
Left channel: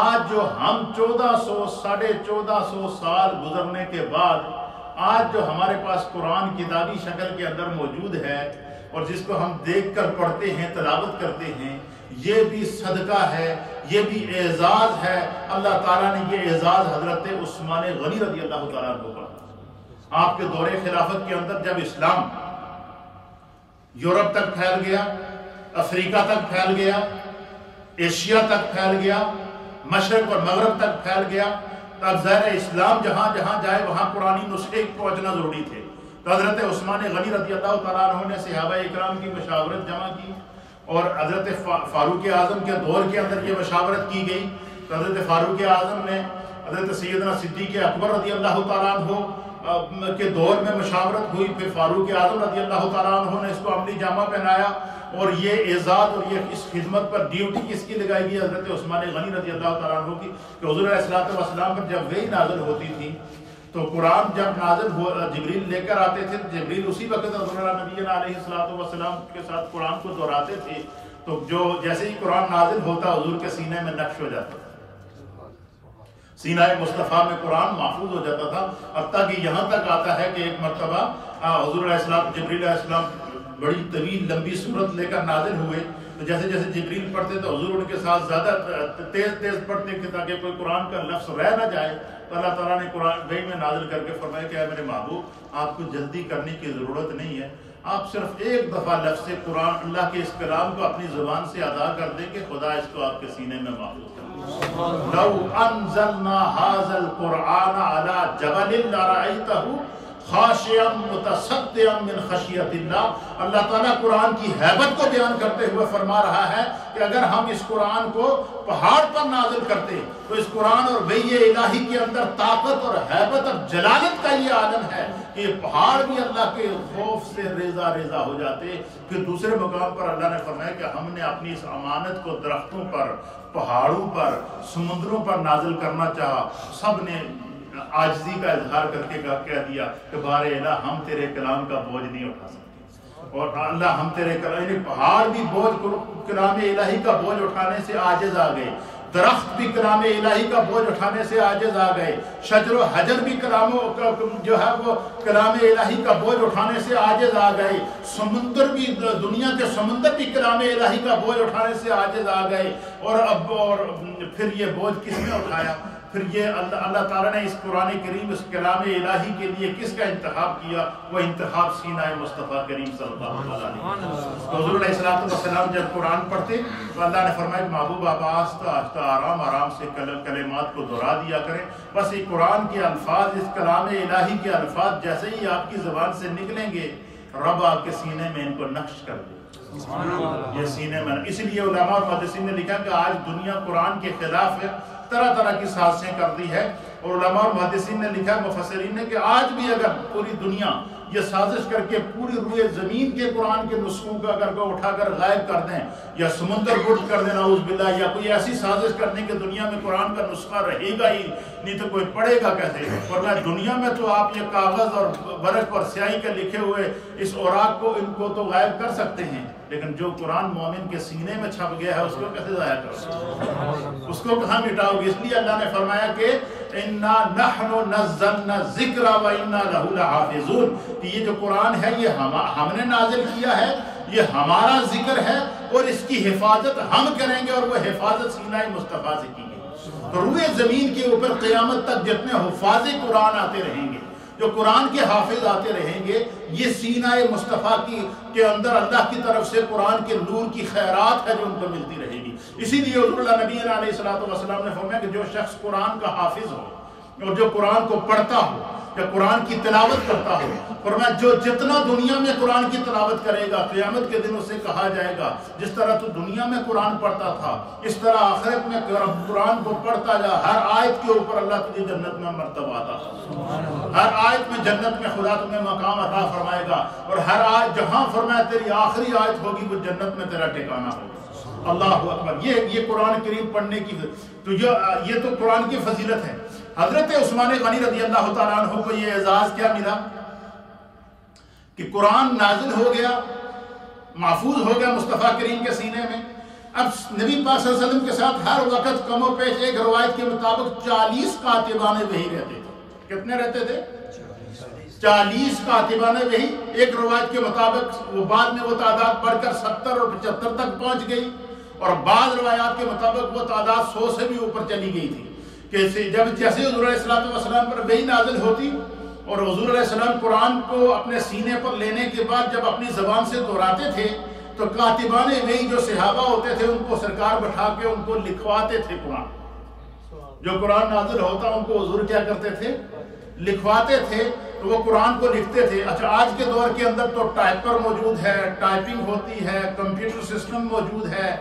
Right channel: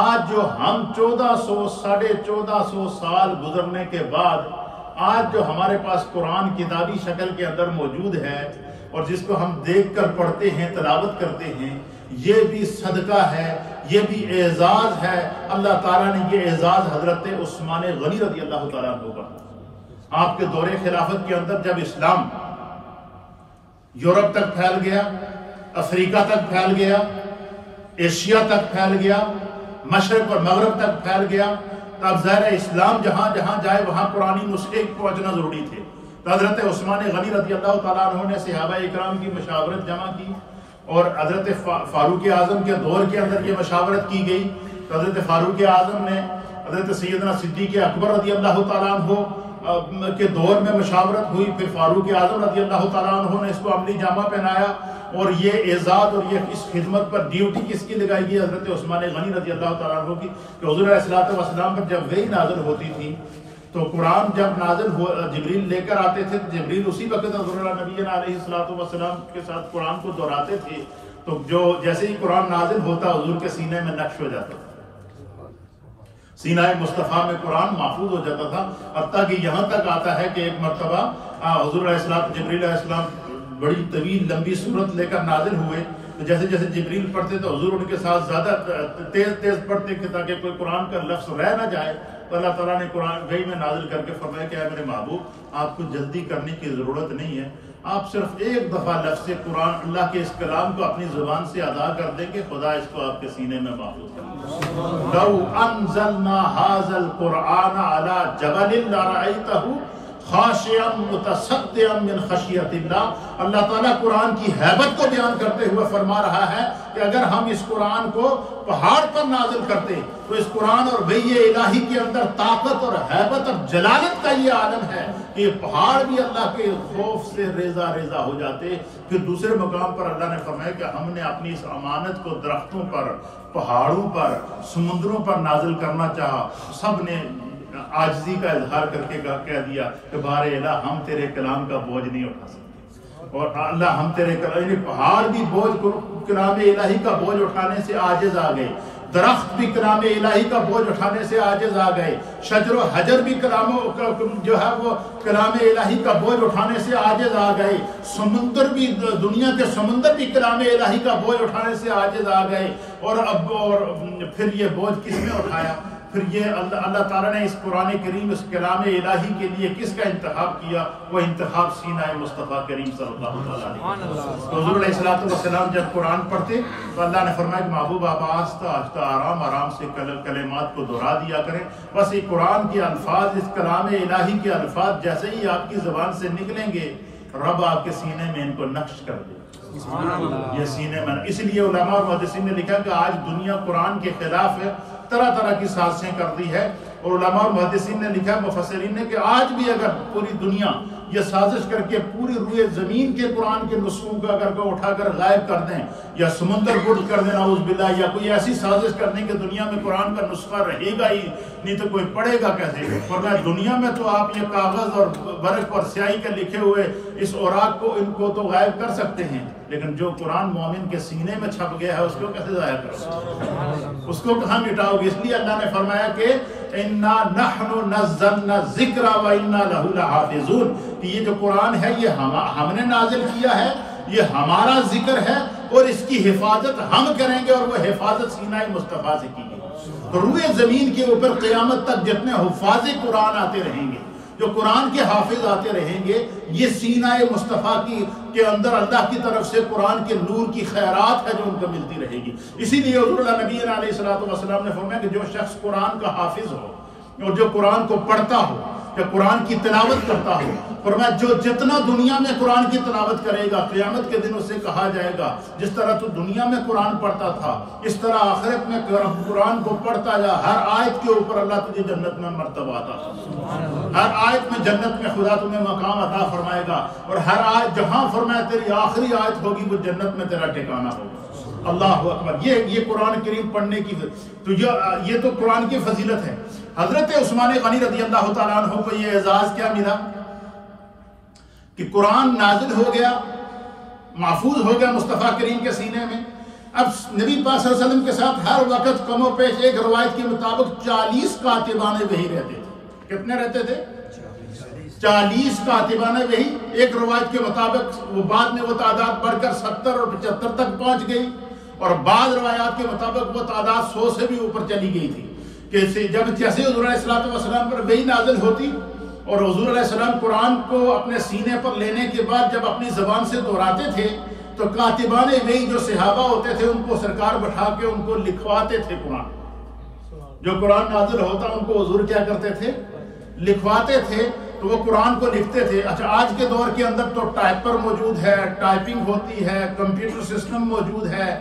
آج جو ہم 1400 سال گزرنے کے بعد آج جو ہمارے پاس قرآن کتابی شکل کے اندر موجود ہے اور جس کو ہم دیکھ کر پڑھتے ہیں، تلاوت کرتے ہیں، یہ بھی صدقہ ہے، یہ بھی اعزاز ہے۔ اللہ تعالیٰ نے یہ اعزاز حضرت عثمان غنی رضی اللہ تعالیٰ عنہ کو دیا۔ آپ کے دور خلافت کے اندر جب اسلام یورپ تک پھیل گیا، افریقہ تک پھیل گیا، ایشیا تک پھیل گیا، مشرق اور مغرب تک پھیل گیا، تو اب ظاہر اسلام جہاں جہاں جائے وہاں قرآنی نسخے پہنچنا ضروری تھے۔ تو حضرت عثمان غنی رضی اللہ تعالیٰ عنہ نے صحابہ اکرام کی مشاورت جمع کی، اور حضرت فاروق اعظم کے دور کے اندر یہ مشاورت کی گئی۔ تو حضرت فاروق اعظم نے حضرت سیدنا صدیق اکبر رضی اللہ تعالیٰ عنہ کے دور میں مشاورت ہوئی، پھر فاروق اعظم رضی اللہ تعالیٰ عنہ نے اس کو عملی جامہ پہنایا، اور یہ اعزاز اور یہ اس خدمت پر ڈیوٹی کس کی لگائی گئی؟ حضرت عثمان غنی رضی اللہ تعالیٰ عنہ کی، کہ حضور علیہ الصلوۃ والسلام پر جب وحی نازل ہوتی تھی تو قرآن جب نازل جبریل لے کر آتے تھے، جبریل اسی وقت حضور نبی علیہ الصلوۃ والسلام کے ساتھ قرآن کو دہراتے تھے، تو جو جیسے ہی قرآن نازل ہوتا حضور کے سینے میں نقش ہو جاتا تھا، سینہ مصطفیٰ میں قرآن محفوظ ہو جاتا تھا، حتیٰ کہ یہاں تک آتا ہے کہ ایک مرتبہ حضور علیہ السلام جبریل علیہ السلام بڑی طویل لمبی صورت لے کر نازل ہوئے، تو جیسے جیسے جبریل پڑھتے تو حضور ان کے ساتھ زیادہ تیز پڑھتے کہ تاکہ کوئی قرآن کا لفظ رہ نہ جائے۔ تو اللہ تعالیٰ نے قرآن وحی میں نازل کر کے فرمایا کہ اے میرے محبوب، آپ کو جلدی کرنے کی ضرورت نہیں ہے، آپ صرف ایک دفعہ لفظ قرآن اللہ کے اس کلام کو اپنی زبان سے ادا کر دیں گے، خدا اس کو آپ کے سینے میں محفوظ کر دے گا۔ لو انزلنا هذا القرآن على جبل لرأيته خاشعا متصدعا من خشیت اللہ۔ اللہ تعالیٰ قرآن کی ہیبت کو بیان کرتے ہوئے فرما رہا ہے کہ اگر ہم اس قرآن کو پہاڑ پر نازل کرتے تو اس قرآن اور وحی الہی کے اندر طاقت اور ہیبت اور جلالت کا یہ عالم ہے کہ یہ پہاڑ بھی اللہ کے خوف سے ریزہ ریزہ ہو جاتے۔ پھر دوسرے مقام پر اللہ نے فرمایا کہ ہم نے اپنی اس امانت کو درختوں پر، پہاڑوں پر، سمندروں پر نازل کرنا چاہا، سب نے عاجزی کا اظہار کر کے کہہ دیا کہ بار الہ ہم تیرے کلام کا بوجھ نہیں اٹھا سکتے، اور اللہ ہم تیرے کلام، یعنی پہاڑ بھی کلام الہی کا بوجھ اٹھانے سے عاجز آ گئے، درخت بھی کلام الہی کا بوجھ اٹھانے سے عاجز آ گئے، شجر و حجر بھی جو ہے وہ کلام الہی کا بوجھ اٹھانے سے عاجز آ گئے، سمندر بھی، دنیا کے سمندر بھی کلام الہی کا بوجھ اٹھانے سے عاجز آ گئے۔ اور پھر یہ بوجھ کس نے اٹھایا؟ پھر یہ اللہ تعالیٰ نے اس قرآن کریم، اس کلام الہی کے لیے کس کا انتخاب کیا؟ وہ انتخاب سینہ مصطفیٰ کریم صلی اللہ علیہ وسلم۔ تو حضور علیہ السلام جب قرآن پڑھتے تو اللہ نے فرمایا کہ محبوب آپ آہستہ آہستہ آرام آرام سے کلمات کو دہرا دیا کریں، بس یہ قرآن کے الفاظ، اس کلام الہی کے الفاظ جیسے ہی آپ کی زبان سے نکلیں گے، رب آپ کے سینے میں ان کو نقش کر دے، یہ سینے میں۔ اس لیے علماء اور محدثین نے لکھا کہ آج دنیا قرآن کے خلاف ہے، طرح طرح کی سازشیں کر دی ہے، اور علماء اور محدثین نے لکھا، مفسرین نے، کہ آج بھی اگر پوری دنیا یہ سازش کر کے پوری روئے زمین کے قرآن کے نسخوں کا اگر کو اٹھا کر غائب کر دیں یا سمندر گرد کر دیں نعوذ باللہ، یا کوئی ایسی سازش کر دیں کہ دنیا میں قرآن کا نسخہ رہے گا ہی نہیں تو کوئی پڑھے گا کیسے؟ فرمایا دنیا میں تو آپ یہ کاغذ اور برق اور سیاہی کے لکھے ہوئے اس اوراق کو ان کو تو غائب کر سکتے ہیں، لیکن جو قرآن مومن کے سینے میں چھپ گیا ہے اس کو کیسے ضائع کرو، اس کو کہاں مٹاؤ گے؟ اس لیے اللہ نے فرمایا کہ اِنَّا نَحْنُ نَزَّلْنَا الذِّكْرَ وَإِنَّا لَهُ لَحَافِظُونَ، کہ یہ جو قرآن ہے یہ ہم نے نازل کیا ہے، یہ ہمارا ذکر ہے اور اس کی حفاظت ہم کریں گے، اور وہ حفاظت سینہ مصطفیٰ سے کی گئی۔ تو روئے زمین کے اوپر قیامت تک جتنے حفاظ قرآن آتے رہیں گے، جو قرآن کے حافظ آتے رہیں گے، یہ سینہ مصطفیٰ کے اندر اللہ کی طرف سے قرآن کے نور کی خیرات ہے جو ان کو ملتی رہے گی۔ اسی لیے حضور اللہ نبی علیہ السلام نے فرمایا کہ جو شخص قرآن کا حافظ ہو اور جو قرآن کو پڑھتا ہو یا قرآن کی تلاوت کرتا ہو، فرمایا جو جتنا دنیا میں قرآن کی تلاوت کرے گا قیامت کے دن اسے کہا جائے گا جس طرح تو دنیا میں قرآن پڑھتا تھا اس طرح آخرت میں قرآن کو پڑھتا جا، ہر آیت کے اوپر اللہ تجھے جنت میں مرتبہ عطا فرمائے، ہر آیت میں جنت میں خدا تمہیں مقام عطا فرمائے گا، اور ہر آیت جہاں فرمایا تیری آخری آیت ہوگی وہ جنت میں تیرا ٹھکانہ ہوگا۔ اللہ اکبر، یہ قرآن کریم پڑھنے کی تو یہ تو قرآن کی فضیلت ہے۔ حضرت عثمان غنی رضی اللہ تعالیٰ عنہ کو یہ اعزاز کیا ملا کہ قرآن نازل ہو گیا، محفوظ ہو گیا مصطفیٰ کریم کے سینے میں۔ اب نبی پاک صلی اللہ علیہ وسلم کے ساتھ ہر وقت کم و بیش ایک روایت کے مطابق 40 کاتبان وحی رہتے تھے۔ کتنے رہتے تھے؟ 40 کاتبان وحی۔ ایک روایت کے مطابق وہ بعد میں وہ تعداد بڑھ کر 70 اور 75 تک پہنچ گئی، اور بعض روایات کے مطابق وہ تعداد 100 سے بھی اوپر چلی گئی تھی، کہ جیسے حضور علیہ السلام پر وحی نازل ہوتی اور حضور علیہ السلام قرآن کو اپنے سینے پر لینے کے بعد جب اپنی زبان سے دہراتے تھے تو کاتبان وحی جو صحابہ ہوتے تھے ان کو سرکار بٹھا کے ان کو لکھواتے تھے قرآن، جو قرآن نازل ہوتا ان کو حضور کیا کرتے تھے؟ لکھواتے تھے، تو وہ قرآن کو لکھتے تھے۔ اچھا آج کے دور کے اندر تو ٹائپر موجود ہے، ٹائپنگ ہوتی ہے، کمپیوٹر سسٹم موجود ہے،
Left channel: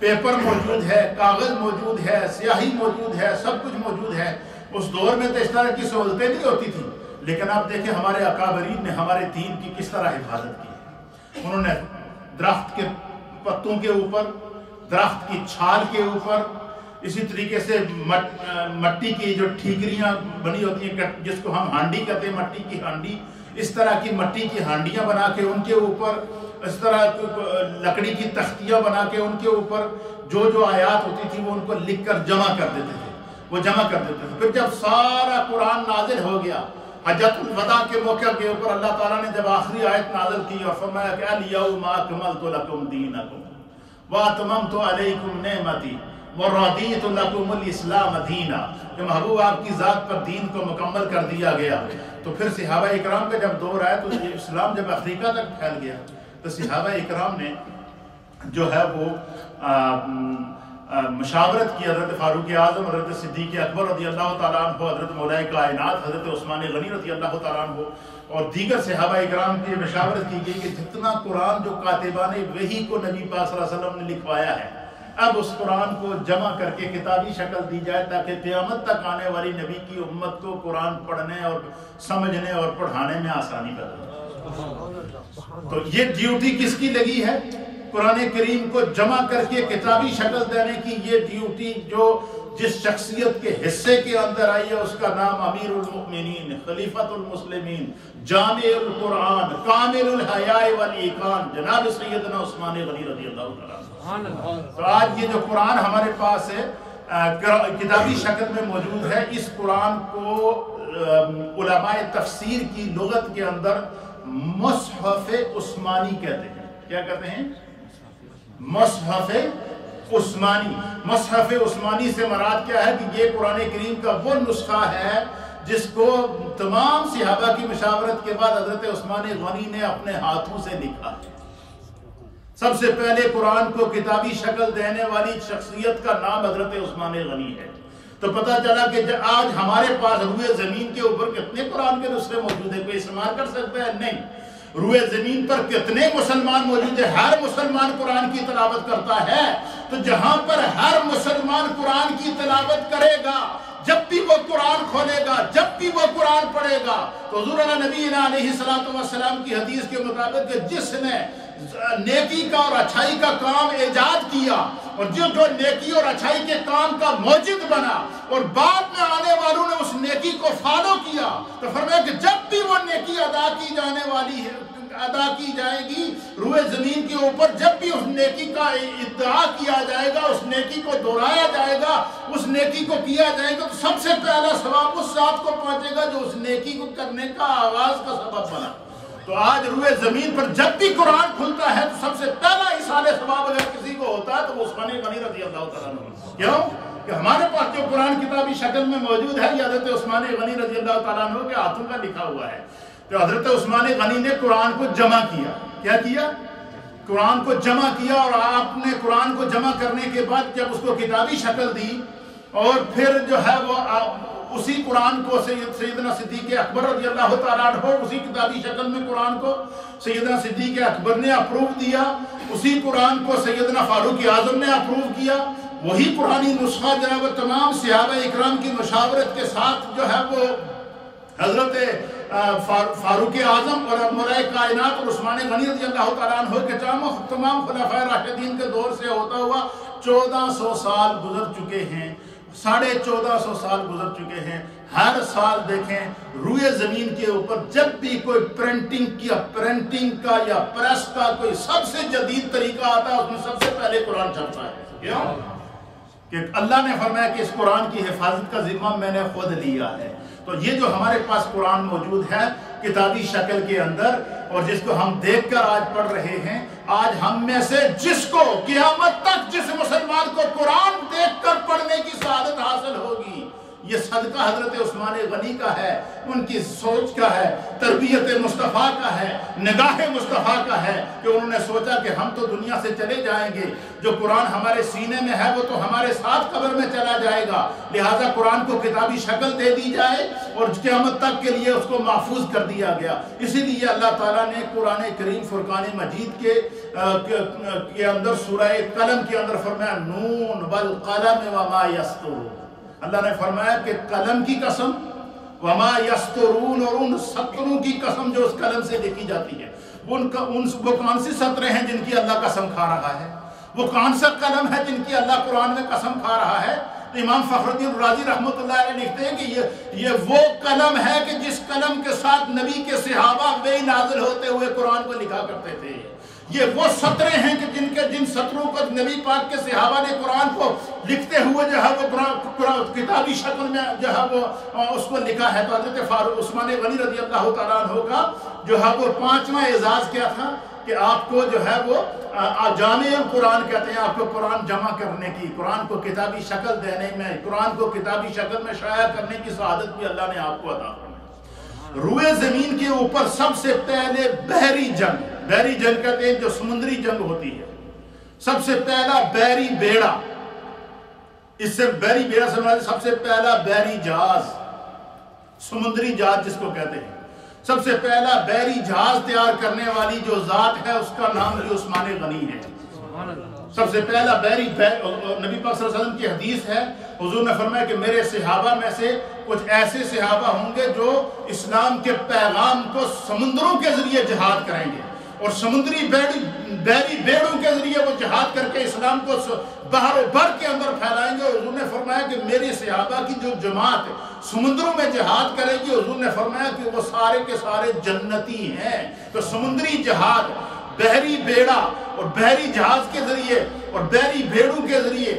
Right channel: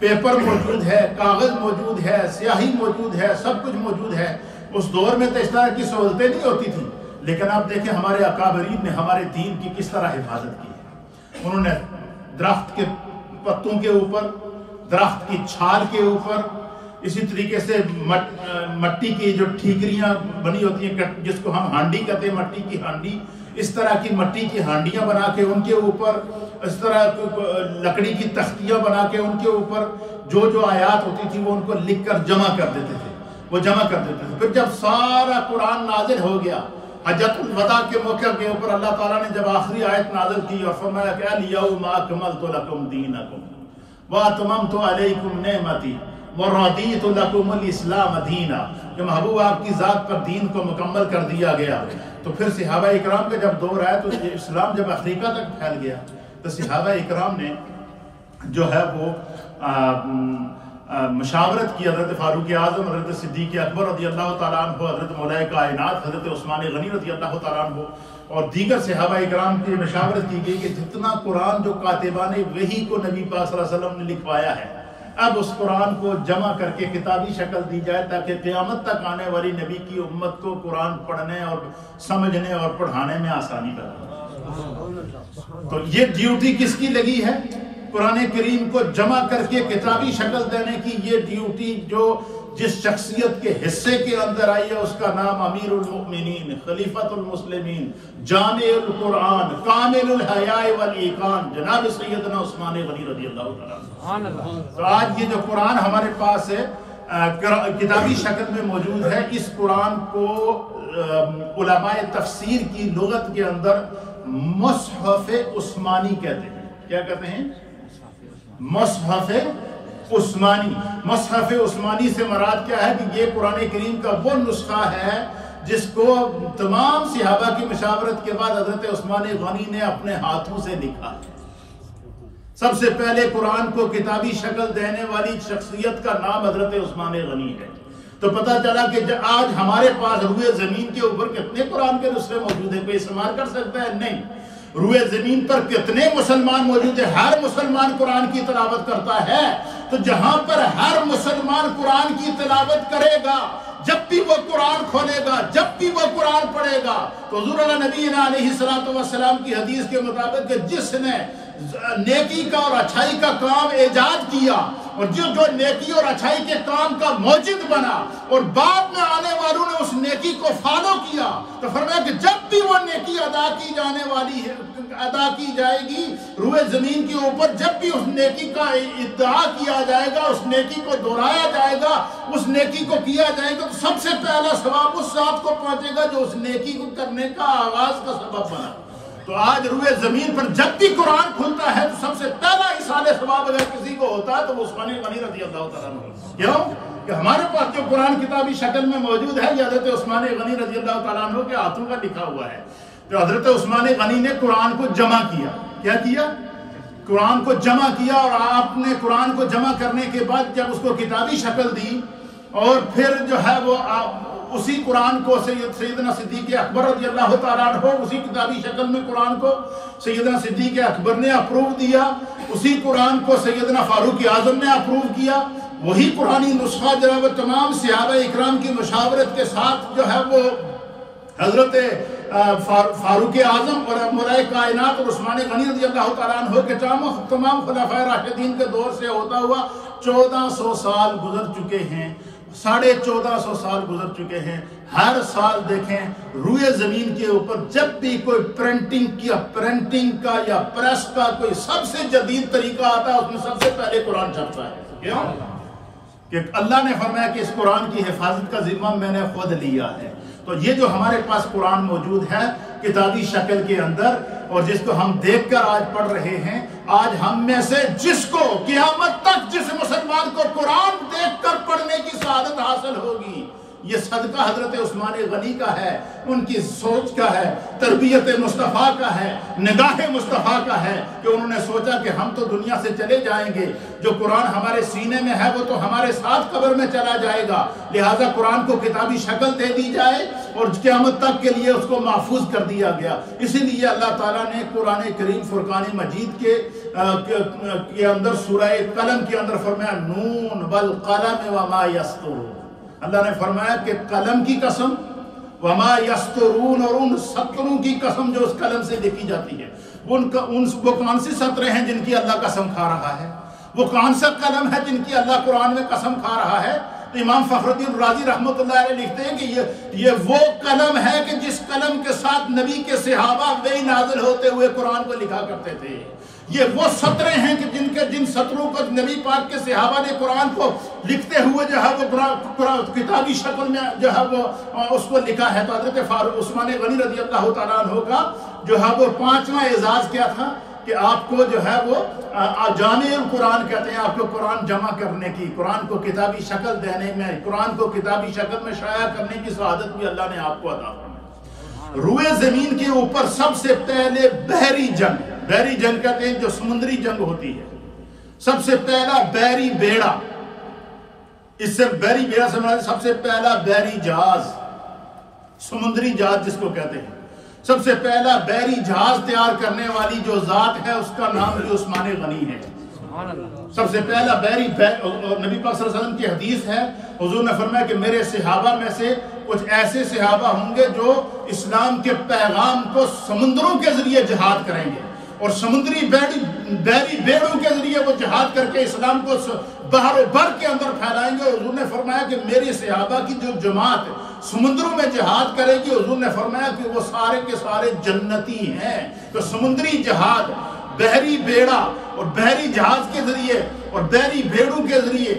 پیپر موجود ہے، کاغذ موجود ہے، سیاہی موجود ہے، سب کچھ موجود ہے۔ اس دور میں تو اس طرح کی سہولتیں نہیں ہوتی تھیں، لیکن آپ دیکھیں ہمارے اکابرین نے ہمارے دین کی کس طرح حفاظت کی ہے۔ انہوں نے درخت کے پتوں کے اوپر، درخت کی چھال کے اوپر، اسی طریقے سے مٹی کی جو ٹھیکریاں بنی ہوتی ہیں جس کو ہم ہانڈی کہتے ہیں، مٹی کی ہانڈی، اس طرح کی مٹی کی ہانڈیاں بنا کے ان کے اوپر، اس طرح لکڑی کی تختیاں بنا کے ان کے اوپر جو آیات ہوتی تھی وہ ان کو لکھ کر جمع کر دیتے تھے، وہ جمع کر دیتے تھے۔ پھر جب سارا قرآن نازل ہو گیا، حجۃ الوداع کے موقع کے اوپر اللہ تعالیٰ نے جب آخری آیت نازل کی اور فرمایا کہ الیوم اکملت لکم دینکم واتممت علیکم نعمتی وردیت لکم الاسلام دینا، کہ محبوب آپ کی ذات پر دین کو مکمل کر دیا گیا۔ تو پھر صحابہ اکرام کا جب دور آیا تو اسلام جب افریقہ تک پھیل گیا تو صحابہ اکرام نے جو ہے وہ مشاورت کی حضرت فاروق اعظم، حضرت صدیق اکبر رضی اللہ تعالیٰ عنہ، حضرت مولا کائنات حضرت عثمان غنی رضی اللہ تعالیٰ عنہ اور دیگر صحابہ اکرام کی مشاورت کی گئی کہ جتنا قرآن جو کاتبان وحی کو نبی پاک صلی اللہ علیہ وسلم نے لکھوایا ہے، اب اس قرآن کو جمع کر کے کتابی شکل دی جائے تاکہ قیامت تک آنے والی نبی کی امت کو قرآن پڑھنے اور سمجھنے اور پڑھانے میں آسانی پیدا ہو۔ تو یہ ڈیوٹی کس کی لگی ہے؟ قرآن کریم کو جمع کر کے کتابی شکل دینے کی یہ ڈیوٹی جو جس شخصیت کے حصے کے اندر آئی ہے اس کا نام امیر المؤمنین، خلیفۃ المسلمین، جامع القرآن، کامل الحیاء والایقان، جناب سیدنا عثمان غنی رضی اللہ تعالیٰ عنہ۔ تو آج یہ جو قرآن ہمارے پاس ہے کتابی شکل میں موجود ہے، اس قرآن کو علماء تفسیر کی لغت کے اندر مصحف عثمانی کہتے ہیں۔ کیا کہتے ہیں؟ مصحف عثمانی۔ مصحف عثمانی سے مراد کیا ہے کہ یہ قرآن کریم کا وہ نسخہ ہے جس کو تمام صحابہ کی مشاورت کے بعد حضرت عثمان غنی نے اپنے ہاتھوں سے لکھا ہے۔ سب سے پہلے قرآن کو کتابی شکل دینے والی شخصیت کا نام حضرت عثمان غنی ہے۔ تو پتہ چلا کہ آج ہمارے پاس روئے زمین کے اوپر کتنے قرآن کے نسخے موجود ہیں، کوئی استعمال کر سکتا ہے؟ نہیں۔ روئے زمین پر کتنے مسلمان موجود ہیں؟ ہر مسلمان قرآن کی تلاوت کرتا ہے۔ تو جہاں پر ہر مسلمان قرآن کی تلاوت کرے گا جب بھی وہ قرآن کھولے گا، جب بھی وہ قرآن پڑھے گا تو حضور نبی علیہ السلام کی حدیث کے مطابق کہ جس نے نیکی کا اور اچھائی کا کام ایجاد کیا اور جو نیکی اور اچھائی کے کام کا موجد بنا اور بعد میں آنے والوں نے اس نیکی کو فالو کیا، تو فرمایا کہ جب بھی وہ نیکی ادا کی جانے والی ہے، ادا کی جائے گی روئے زمین کے اوپر، جب بھی اس نیکی کا ادعا کیا جائے گا، اس نیکی کو دہرایا جائے گا، اس نیکی کو کیا جائے گا، تو سب سے پہلا ثواب اس ذات کو پہنچے گا جو اس نیکی کو کرنے کا آغاز کا سبب بنا۔ تو آج روئے زمین پر جب بھی قرآن کھلتا ہے تو سب سے پہلا احسان ثواب اگر کسی کو ہوتا ہے تو وہ عثمان غنی رضی اللہ تعالیٰ عنہ۔ کیوں کہ ہمارے پاس جو قرآن کتابی شکل میں موجود ہے یہ حضرت عثمان غنی رضی اللہ تعالیٰ عنہ کے ہاتھوں کا لکھا ہوا ہے۔ تو حضرت عثمان غنی نے قرآن کو جمع کیا، کیا کیا؟ قرآن کو جمع کیا، اور آپ نے قرآن کو جمع کرنے کے بعد جب اس کو کتابی شکل دی اور پھر جو ہے وہ اسی قرآن کو سیدنا صدیق اکبر رضی اللہ تعالیٰ عنہ اسی کتابی شکل میں قرآن کو سیدنا صدیق اکبر نے اپروو دیا، اسی قرآن کو سیدنا فاروق اعظم نے اپروو کیا، وہی قرآنی نسخہ جو ہے وہ تمام صحابہ اکرام کی مشاورت کے ساتھ جو ہے وہ حضرت فاروق اعظم اور مولا کائنات اور عثمان غنی رضی اللہ تعالیٰ عنہ کے تمام خلفائے راشدین کے دور سے ہوتا ہوا 1400 سال گزر چکے ہیں، 1450 سال گزر چکے ہیں۔ ہر سال دیکھیں روئے زمین کے اوپر جب بھی کوئی پرنٹنگ کا یا پریس کا کوئی سب سے جدید طریقہ آتا ہے اس میں سب سے پہلے قرآن چھپتا ہے۔ کیوں؟ کہ اللہ نے فرمایا کہ اس قرآن کی حفاظت کا ذمہ میں نے خود لیا ہے۔ تو یہ جو ہمارے پاس قرآن موجود ہے کتابی شکل کے اندر اور جس کو ہم دیکھ کر آج پڑھ رہے ہیں، آج ہم میں سے جس کو قیامت تک جس مسلمان کو قرآن دیکھ کر پڑھنے کی سعادت حاصل ہوگی، یہ صدقہ حضرت عثمان غنی کا ہے، ان کی سوچ کا ہے، تربیت مصطفیٰ کا ہے، نگاہ مصطفیٰ کا ہے کہ انہوں نے سوچا کہ ہم تو دنیا سے چلے جائیں گے، جو قرآن ہمارے سینے میں ہے وہ تو ہمارے ساتھ قبر میں چلا جائے گا، لہٰذا قرآن کو کتابی شکل دے دی جائے اور قیامت تک کے لیے اس کو محفوظ کر دیا گیا۔ اسی لیے اللہ تعالیٰ نے قرآن کریم فرقان مجید کے اندر سورہ قلم کے اندر فرمایا نون والقلم وما یسطرون۔ اللہ نے فرمایا کہ قلم کی قسم، وما یسطرون، اور ان سطروں کی قسم جو اس قلم سے لکھی جاتی ہے۔ وہ کون سی سطریں ہیں جن کی اللہ قسم کھا رہا ہے؟ وہ کون سا قلم ہے جن کی اللہ قرآن میں قسم کھا رہا ہے؟ تو امام فخر الدین رازی رحمۃ اللہ علیہ لکھتے ہیں کہ یہ وہ قلم ہے کہ جس قلم کے ساتھ نبی کے صحابہ وحی نازل ہوتے ہوئے قرآن کو لکھا کرتے تھے۔ یہ وہ سطریں ہیں کہ جن سطروں کو نبی پاک کے صحابہ نے قرآن کو لکھتے ہوئے جو ہے وہ کتابی شکل میں جو ہے وہ اس کو لکھا ہے۔ تو حضرت فاروق عثمان غنی رضی اللہ تعالیٰ عنہ کا جو ہے وہ 5واں اعزاز کیا تھا کہ آپ کو جو ہے وہ جامع القرآن کہتے ہیں، آپ کو قرآن جمع کرنے کی، قرآن کو کتابی شکل دینے میں، قرآن کو کتابی شکل میں شائع کرنے کی سعادت بھی اللہ نے آپ کو عطا فرمائی۔ روئے زمین کے اوپر سب سے پہلے بحری جنگ کہتے ہیں جو سمندری جنگ ہوتی ہے، سب سے پہلا بحری بیڑا، اس سے بحری بیڑا سے مراد سب سے پہلا بحری جہاز، سمندری جہاز جس کو کہتے ہیں، سب سے پہلا بحری جہاز تیار کرنے والی جو ذات ہے اس کا نام بھی عثمان غنی ہے۔ سب سے پہلا بحری نبی پاک صلی اللہ علیہ وسلم کی حدیث ہے، حضور نے فرمایا کہ میرے صحابہ میں سے کچھ ایسے صحابہ ہوں گے جو اسلام کے پیغام کو سمندروں کے ذریعے جہاد کریں گے اور سمندری بحری بیڑوں کے ذریعے وہ جہاد کر کے اسلام کو بحر و بر کے اندر پھیلائیں گے۔ حضور نے فرمایا کہ میری صحابہ کی جو جماعت سمندروں میں جہاد کرے گی، حضور نے فرمایا کہ وہ سارے کے سارے جنتی ہیں۔ تو سمندری جہاد، بحری بیڑا اور بحری جہاز کے ذریعے اور بحری بیڑوں کے ذریعے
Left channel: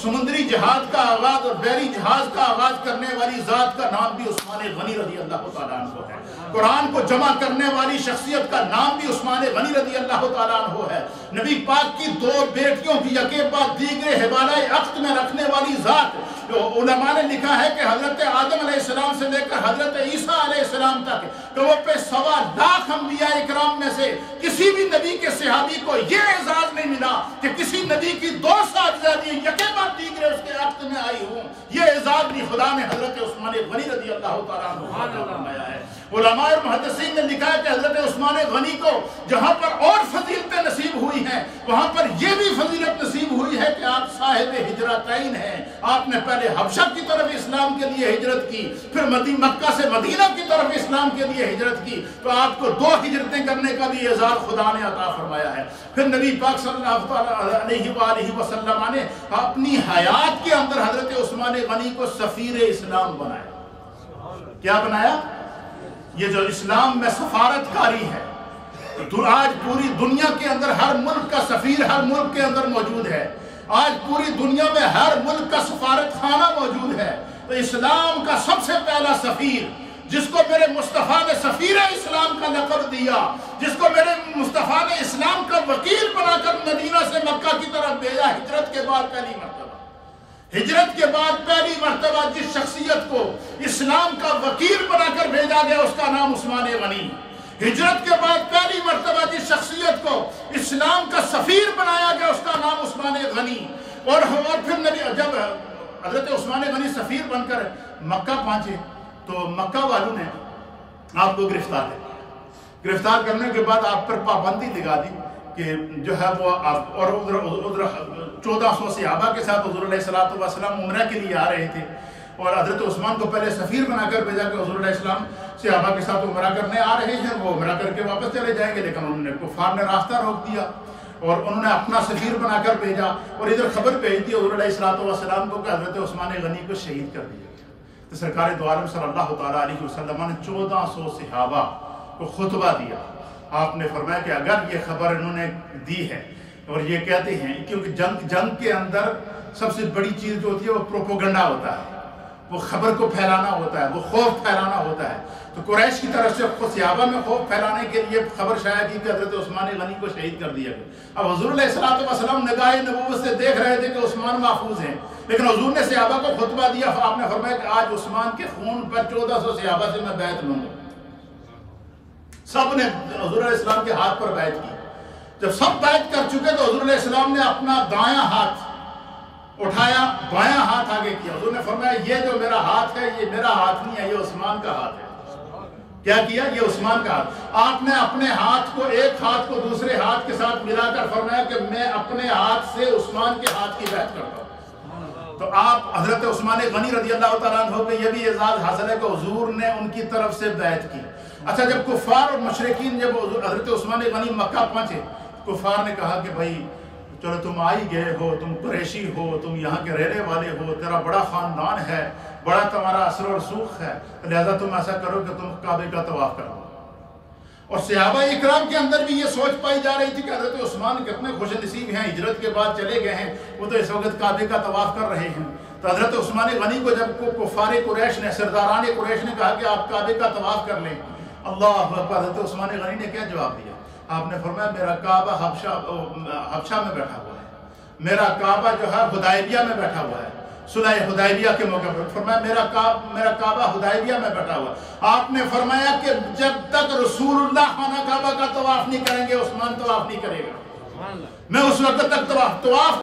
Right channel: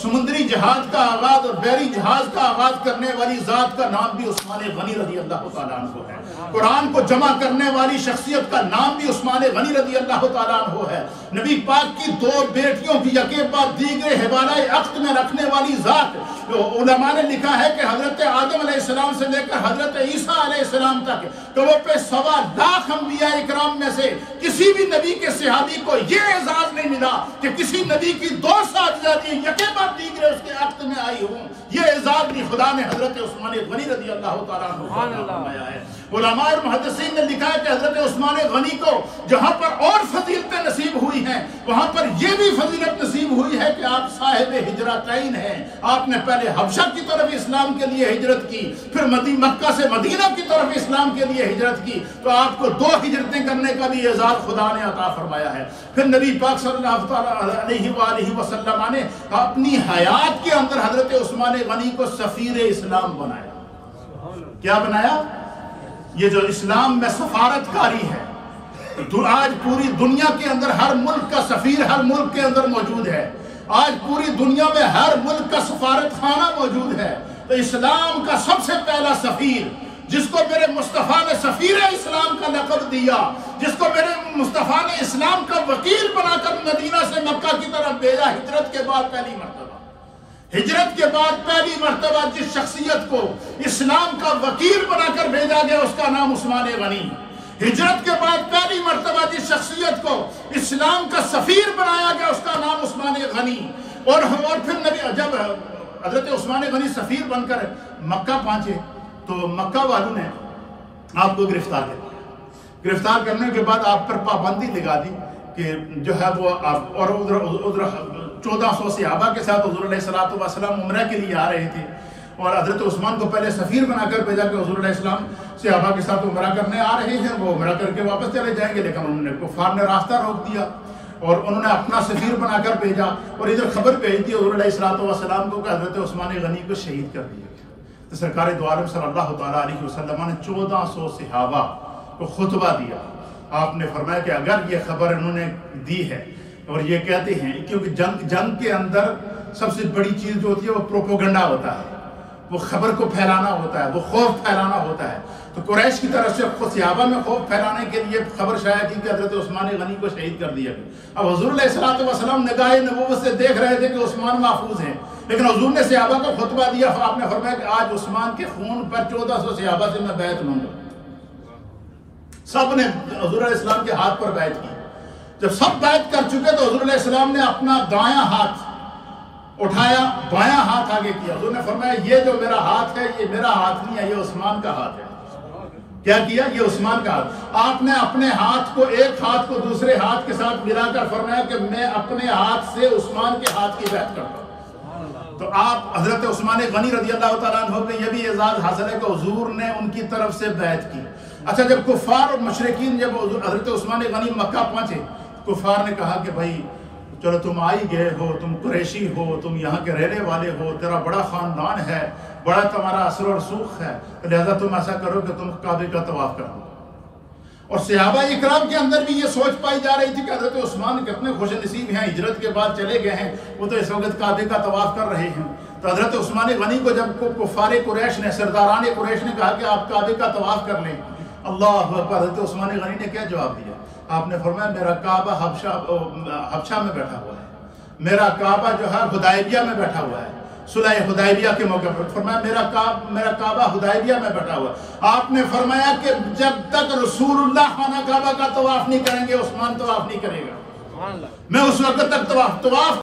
سمندری جہاد کا آغاز اور بحری جہاز کا آغاز کرنے والی ذات کا نام بھی عثمان غنی رضی اللہ تعالیٰ عنہ ہے۔ قرآن کو جمع کرنے والی شخصیت کا نام بھی عثمان غنی رضی اللہ تعالیٰ عنہ ہے۔ نبی پاک کی 2 بیٹیوں کی یکے بعد دیگرے حوالہ عقد میں رکھنے والی ذات، علماء نے لکھا ہے کہ حضرت آدم علیہ السلام سے لے کر حضرت عیسیٰ علیہ السلام تک کہ وہ پہ 1.25 لاکھ انبیاء اکرام میں سے کسی بھی نبی کے صحابی کو یہ اعزاز نہیں ملا کہ کسی نبی کی 2 صاحبزادیاں یکے بعد دیگرے اس کے عقد میں آئی ہوں۔ یہ اعزاز بھی خدا نے حضرت عثمان غنی رضی اللہ تعالیٰ عنہ کو فرمایا ہے۔ علماء اور محدثین نے لکھا ہے کہ حضرت عثمان غنی کو جہاں پر اور فضیلتیں نصیب ہوئی ہیں وہاں پر یہ بھی فضیلت نصیب ہوئی ہے کہ آپ صاحب ہجرتین ہیں. آپ نے پہلے حبشہ کی طرف اسلام کے لیے ہجرت کی, پھر مکہ سے مدینہ کی طرف اسلام کے لیے ہجرت کی, تو آپ کو 2 ہجرتیں کرنے کا بھی اعزاز خدا نے عطا فرمایا ہے. پھر نبی پاک صلی اللہ علیہ وآلہ وسلم نے اپنی حیات کے اندر حضرت عثمان غنی کو سفیر اسلام بنایا. کیا بنایا؟ یہ جو اسلام میں سفارت کاری ہے, آج پوری دنیا کے اندر ہر ملک کا سفیر ہر ملک کے اندر موجود ہے. آج پوری دنیا میں ہر ملک کا سفارت خانہ موجود ہے. تو اسلام کا سب سے پہلا سفیر, جس کو میرے مصطفیٰ نے سفیر اسلام کا لقب دیا, جس کو میرے مصطفیٰ نے اسلام کا وکیل بنا کر مدینہ سے مکہ کی طرف بھیجا, ہجرت کے بعد پہلی مرتبہ جس شخصیت کو اسلام کا وکیل بنا کر بھیجا گیا اس کا نام عثمان غنی. ہجرت کے بعد پہلی مرتبہ جس شخصیت کو اسلام کا سفیر بنایا گیا اس کا نام عثمان غنی. اور پھر جب حضرت عثمان غنی سفیر بن کر مکہ پہنچے تو مکہ والوں نے آپ کو گرفتار کر لیا. گرفتار کرنے کے بعد آپ پر پابندی لگا دی کہ جو ہے وہ اور ادھر 1400 صحابہ کے ساتھ حضور علیہ السلام عمرہ کے لیے آ رہے تھے, اور حضرت عثمان کو پہلے سفیر بنا کر بھیجا کہ حضور علیہ السلام صحابہ کے ساتھ عمرہ کرنے آ رہے ہیں, وہ عمرہ کر کے واپس چلے جائیں گے. لیکن انہوں نے کفار نے راستہ روک دیا اور انہوں نے اپنا سفیر بنا کر بھیجا, اور ادھر خبر بھیج دی حضور علیہ السلام کو کہ حضرت عثمان غنی کو شہید کر دیا گیا. تو سرکار دو عالم صلی اللہ تعالیٰ علیہ وسلم نے 1400 صحابہ کو خطبہ دیا. آپ نے فرمایا کہ اگر یہ خبر انہوں نے دی ہے اور یہ کہتے ہیں, کیونکہ جنگ کے اندر سب سے بڑی چیز جو ہوتی ہے وہ پروپوگنڈا ہوتا ہے, وہ خبر کو پھیلانا ہوتا ہے, وہ خوف پھیلانا ہوتا ہے. تو قریش کی طرف سے صحابہ میں خوف پھیلانے کے لیے خبر شائع کی کہ حضرت عثمان غنی کو شہید کر دیا گیا. اب حضور علیہ السلام نگاہ نبوت سے دیکھ رہے تھے کہ عثمان محفوظ ہیں, لیکن حضور نے صحابہ کو خطبہ دیا. آپ نے فرمایا کہ آج عثمان کے خون پر 1400 صحابہ سے میں بیعت مانگوں. سب نے حضور علیہ السلام کے ہاتھ پر بیعت کی. جب سب بیعت کر چکے تو حضور علیہ السلام نے اپنا دایاں ہاتھ اٹھایا, بایاں ہاتھ آگے کیا. حضور نے فرمایا یہ جو میرا ہاتھ ہے یہ میرا ہاتھ نہیں ہے, یہ عثمان کا ہاتھ ہے. کیا کیا؟ یہ عثمان کا ہاتھ. آپ نے اپنے ہاتھ کو, ایک ہاتھ کو دوسرے ہاتھ کے ساتھ ملا کر فرمایا کہ میں اپنے ہاتھ سے عثمان کے ہاتھ کی بیعت کرتا ہوں. تو آپ حضرت عثمان غنی رضی اللہ تعالیٰ عنہ کو یہ بھی اعزاز حاصل ہے کہ حضور نے ان کی طرف سے بیعت کی. اچھا, جب کفار اور مشرکین جب حضرت عثمان غنی مکہ پہنچے, کفار نے کہا کہ بھائی چلو تم آئی گئے ہو, تم قریشی ہو, تم یہاں کے رہنے والے ہو, تیرا بڑا خاندان ہے, بڑا تمہارا اثر و رسوخ ہے, لہذا تم ایسا کرو کہ تم کعبے کا طواف کر لو. اور صحابہ اکرام کے اندر بھی یہ سوچ پائی جا رہی تھی کہ حضرت عثمان کتنے خوش نصیب ہیں, ہجرت کے بعد چلے گئے ہیں, وہ تو اس وقت کعبے کا طواف کر رہے ہیں. تو حضرت عثمان غنی کو جب کفار قریش نے, سرداران قریش نے کہا کہ آپ کعبے کا طواف کر لیں, اللہ اکبر, حضرت عثمان غنی نے کیا جواب دیا؟ آپ نے فرمایا میرا کعبہ حبشہ میں بیٹھا ہوا ہے, میرا کعبہ جو ہے حدیبیہ میں بیٹھا ہوا ہے, صلح حدیبیہ کے موقع پر. فرمایا میرا کعبہ حدیبیہ میں بیٹھا ہوا. آپ نے فرمایا کہ جب تک رسول اللہ خانہ کعبہ کا طواف نہیں کریں گے عثمان طواف نہیں کرے گا. میں اس وقت تک طواف